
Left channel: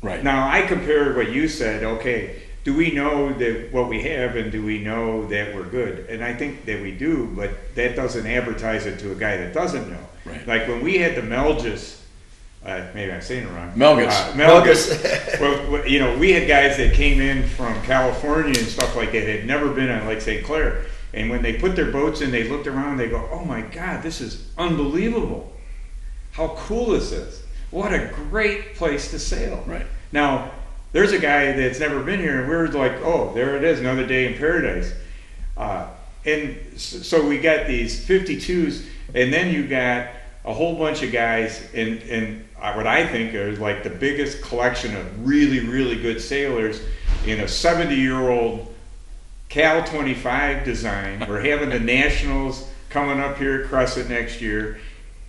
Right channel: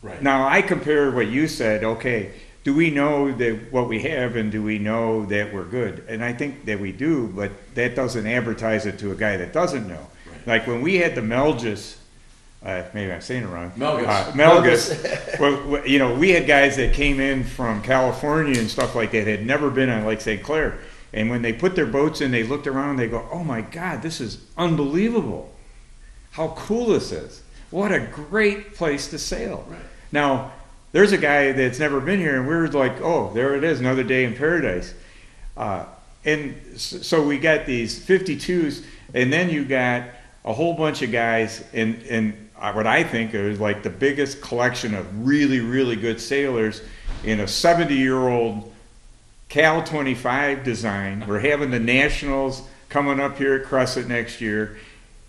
Right. Now, I compare what you said, okay, do we know that what we have, and do we know that we're good? And I think that we do, but that doesn't advertise it to a guy that doesn't know. Right. Like when we had the Melgus, maybe I'm saying it wrong. Melgus. Well, we had guys that came in from California and stuff like that, had never been on Lake St. Clair. And when they put their boats in, they looked around, they go, "Oh my God, this is unbelievable. How cool this is. What a great place to sail." Right. Now, there's a guy that's never been here, and we're like, "Oh, there it is, another day in paradise." And so we got these 52s, and then you got a whole bunch of guys in what I think is like the biggest collection of really, really good sailors in a 70-year-old Cal 25 design. We're having the Nationals coming up here at Crescent next year,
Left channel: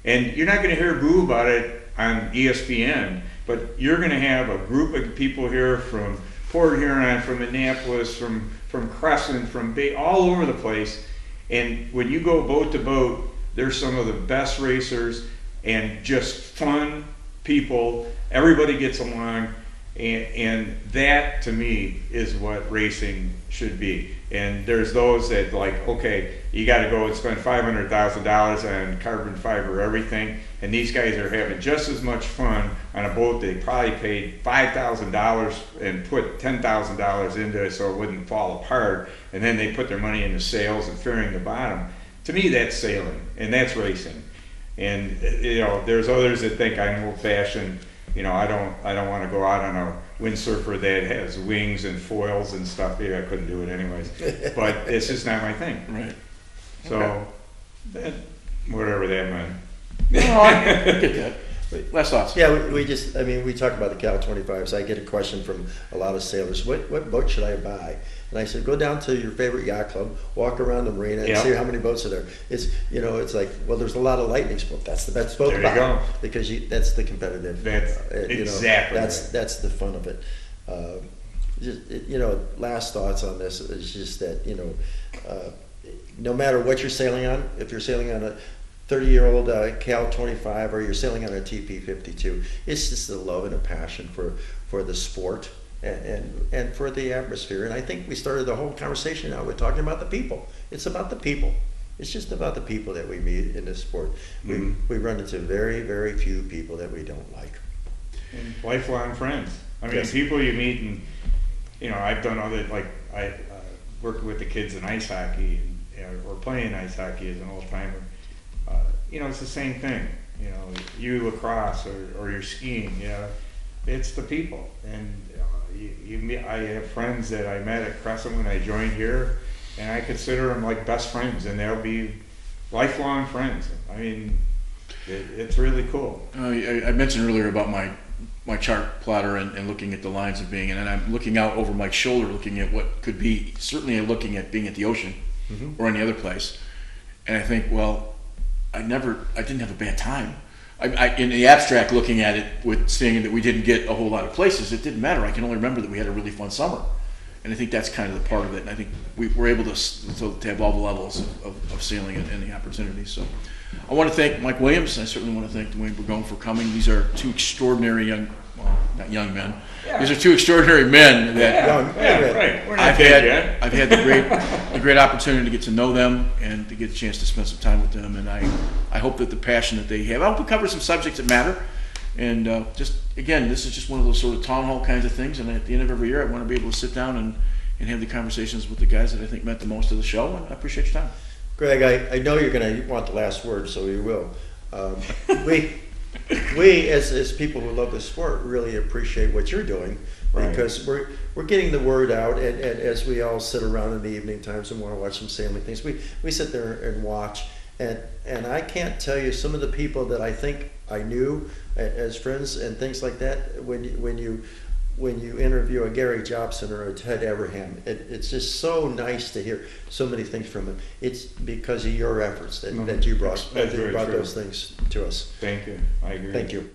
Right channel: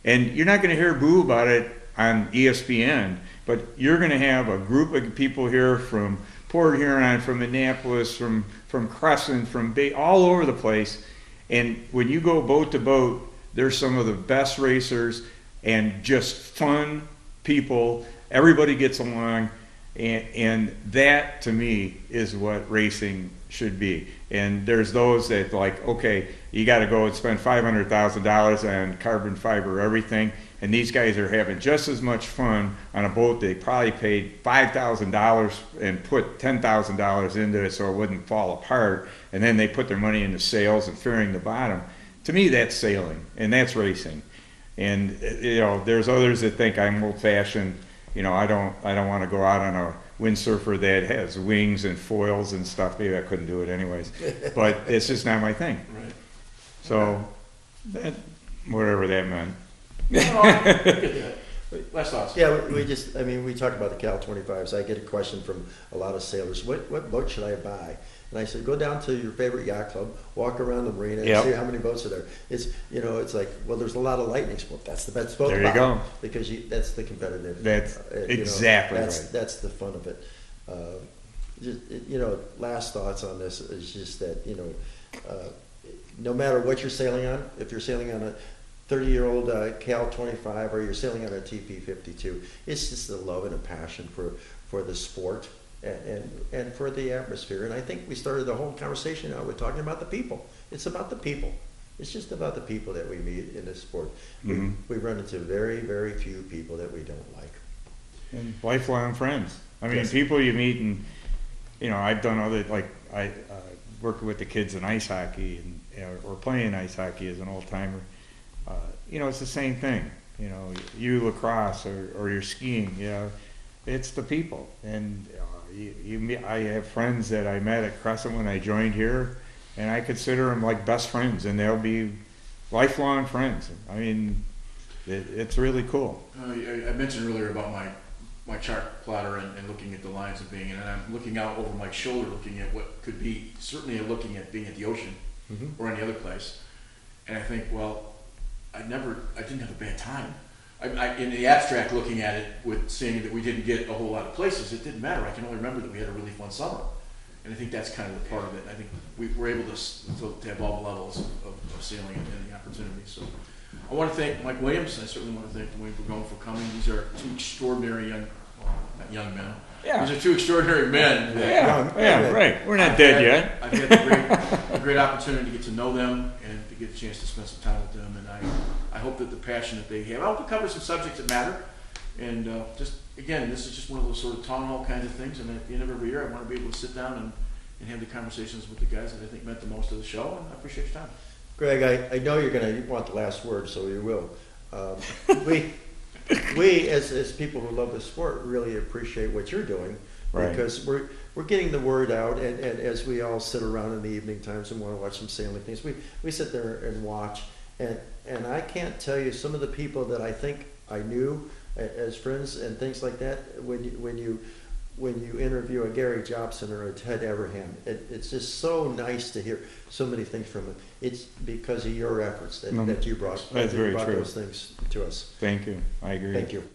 and you're not going to hear boo about it on ESPN, but you're going to have a group of people here from Port Huron, from Annapolis, from Crescent, from Bay, all over the place. And when you go boat to boat, they're some of the best racers and just fun people. Everybody gets along, and that to me is what racing should be. And there's those that like, okay, you got to go and spend $500,000 on carbon fiber everything, and these guys are having just as much fun on a boat they probably paid $5,000 and put $10,000 into it so it wouldn't fall apart, and then they put their money into sails and fairing the bottom. To me, that's sailing, and that's racing. And there's others that think I'm old-fashioned. I don't want to go out on a windsurfer that has wings and foils and stuff. Maybe I couldn't do it anyways, but it's just not my thing. Right. So, whatever that meant. No, I get that. Last thoughts. Yeah, we talked about the Cal 25s. I get a question from a lot of sailors, what boat should I buy? And I said, go down to your favorite yacht club, walk around the marina, and see how many boats are there. It's like, well, there's a lot of Lightning boats. That's the best boat to buy because that's the competitive. That's exactly. That's the fun of it. Last thoughts on this is just that no matter what you're sailing on, if you're sailing on a 30-year-old Cal 25 or you're sailing on a TP 52, it's just a love and a passion for the sport and for the atmosphere. And I think we started the whole conversation out with talking about the people. It's about the people. It's just about the people that we meet in this sport. We run into very, very few people that we don't like. And lifelong friends. I mean, people you meet, and I've done other, like I working with the kids in ice hockey or playing ice hockey as an old timer. It's the same thing. You lacrosse or you're skiing. It's the people. And I have friends that I met at Crescent when I joined here, and I consider them like best friends, and they'll be lifelong friends. I mean, it's really cool. I mentioned earlier about my chart plotter and looking at the lines of being, and then I'm looking out over Mike's shoulder, looking at what could be, certainly looking at being at the ocean or any other place. And I think, well, I didn't have a bad time. In the abstract, looking at it, with seeing that we didn't get a whole lot of places, it didn't matter. I can only remember that we had a really fun summer. And I think that's kind of the part of it. And I think we're able to have all the levels of sailing and the opportunities. So I want to thank Mike Williams, and I certainly want to thank Duane Burgoyne for coming. These are two extraordinary not young men. Yeah. These are two extraordinary men that right. We're not dead yet. I've had the great opportunity to get to know them and to get a chance to spend some time with them. And I hope that the passion that they have, I hope we cover some subjects that matter. And just, again, this is just one of those sort of town hall kinds of things. And at the end of every year, I want to be able to sit down and have the conversations with the guys that I think meant the most to the show. And I appreciate your time. Greg, I know you're going to want the last word, so you will. We as people who love the sport, really appreciate what you're doing, because we're getting the word out. And as we all sit around in the evening times and want to watch some sailing things, we sit there and watch. And I can't tell you some of the people that I think I knew as friends and things like that. When you interview a Gary Jobson or a Ted Everham, it's just so nice to hear so many things from him. It's because of your efforts that you brought those things to us. Thank you. I agree. Thank you.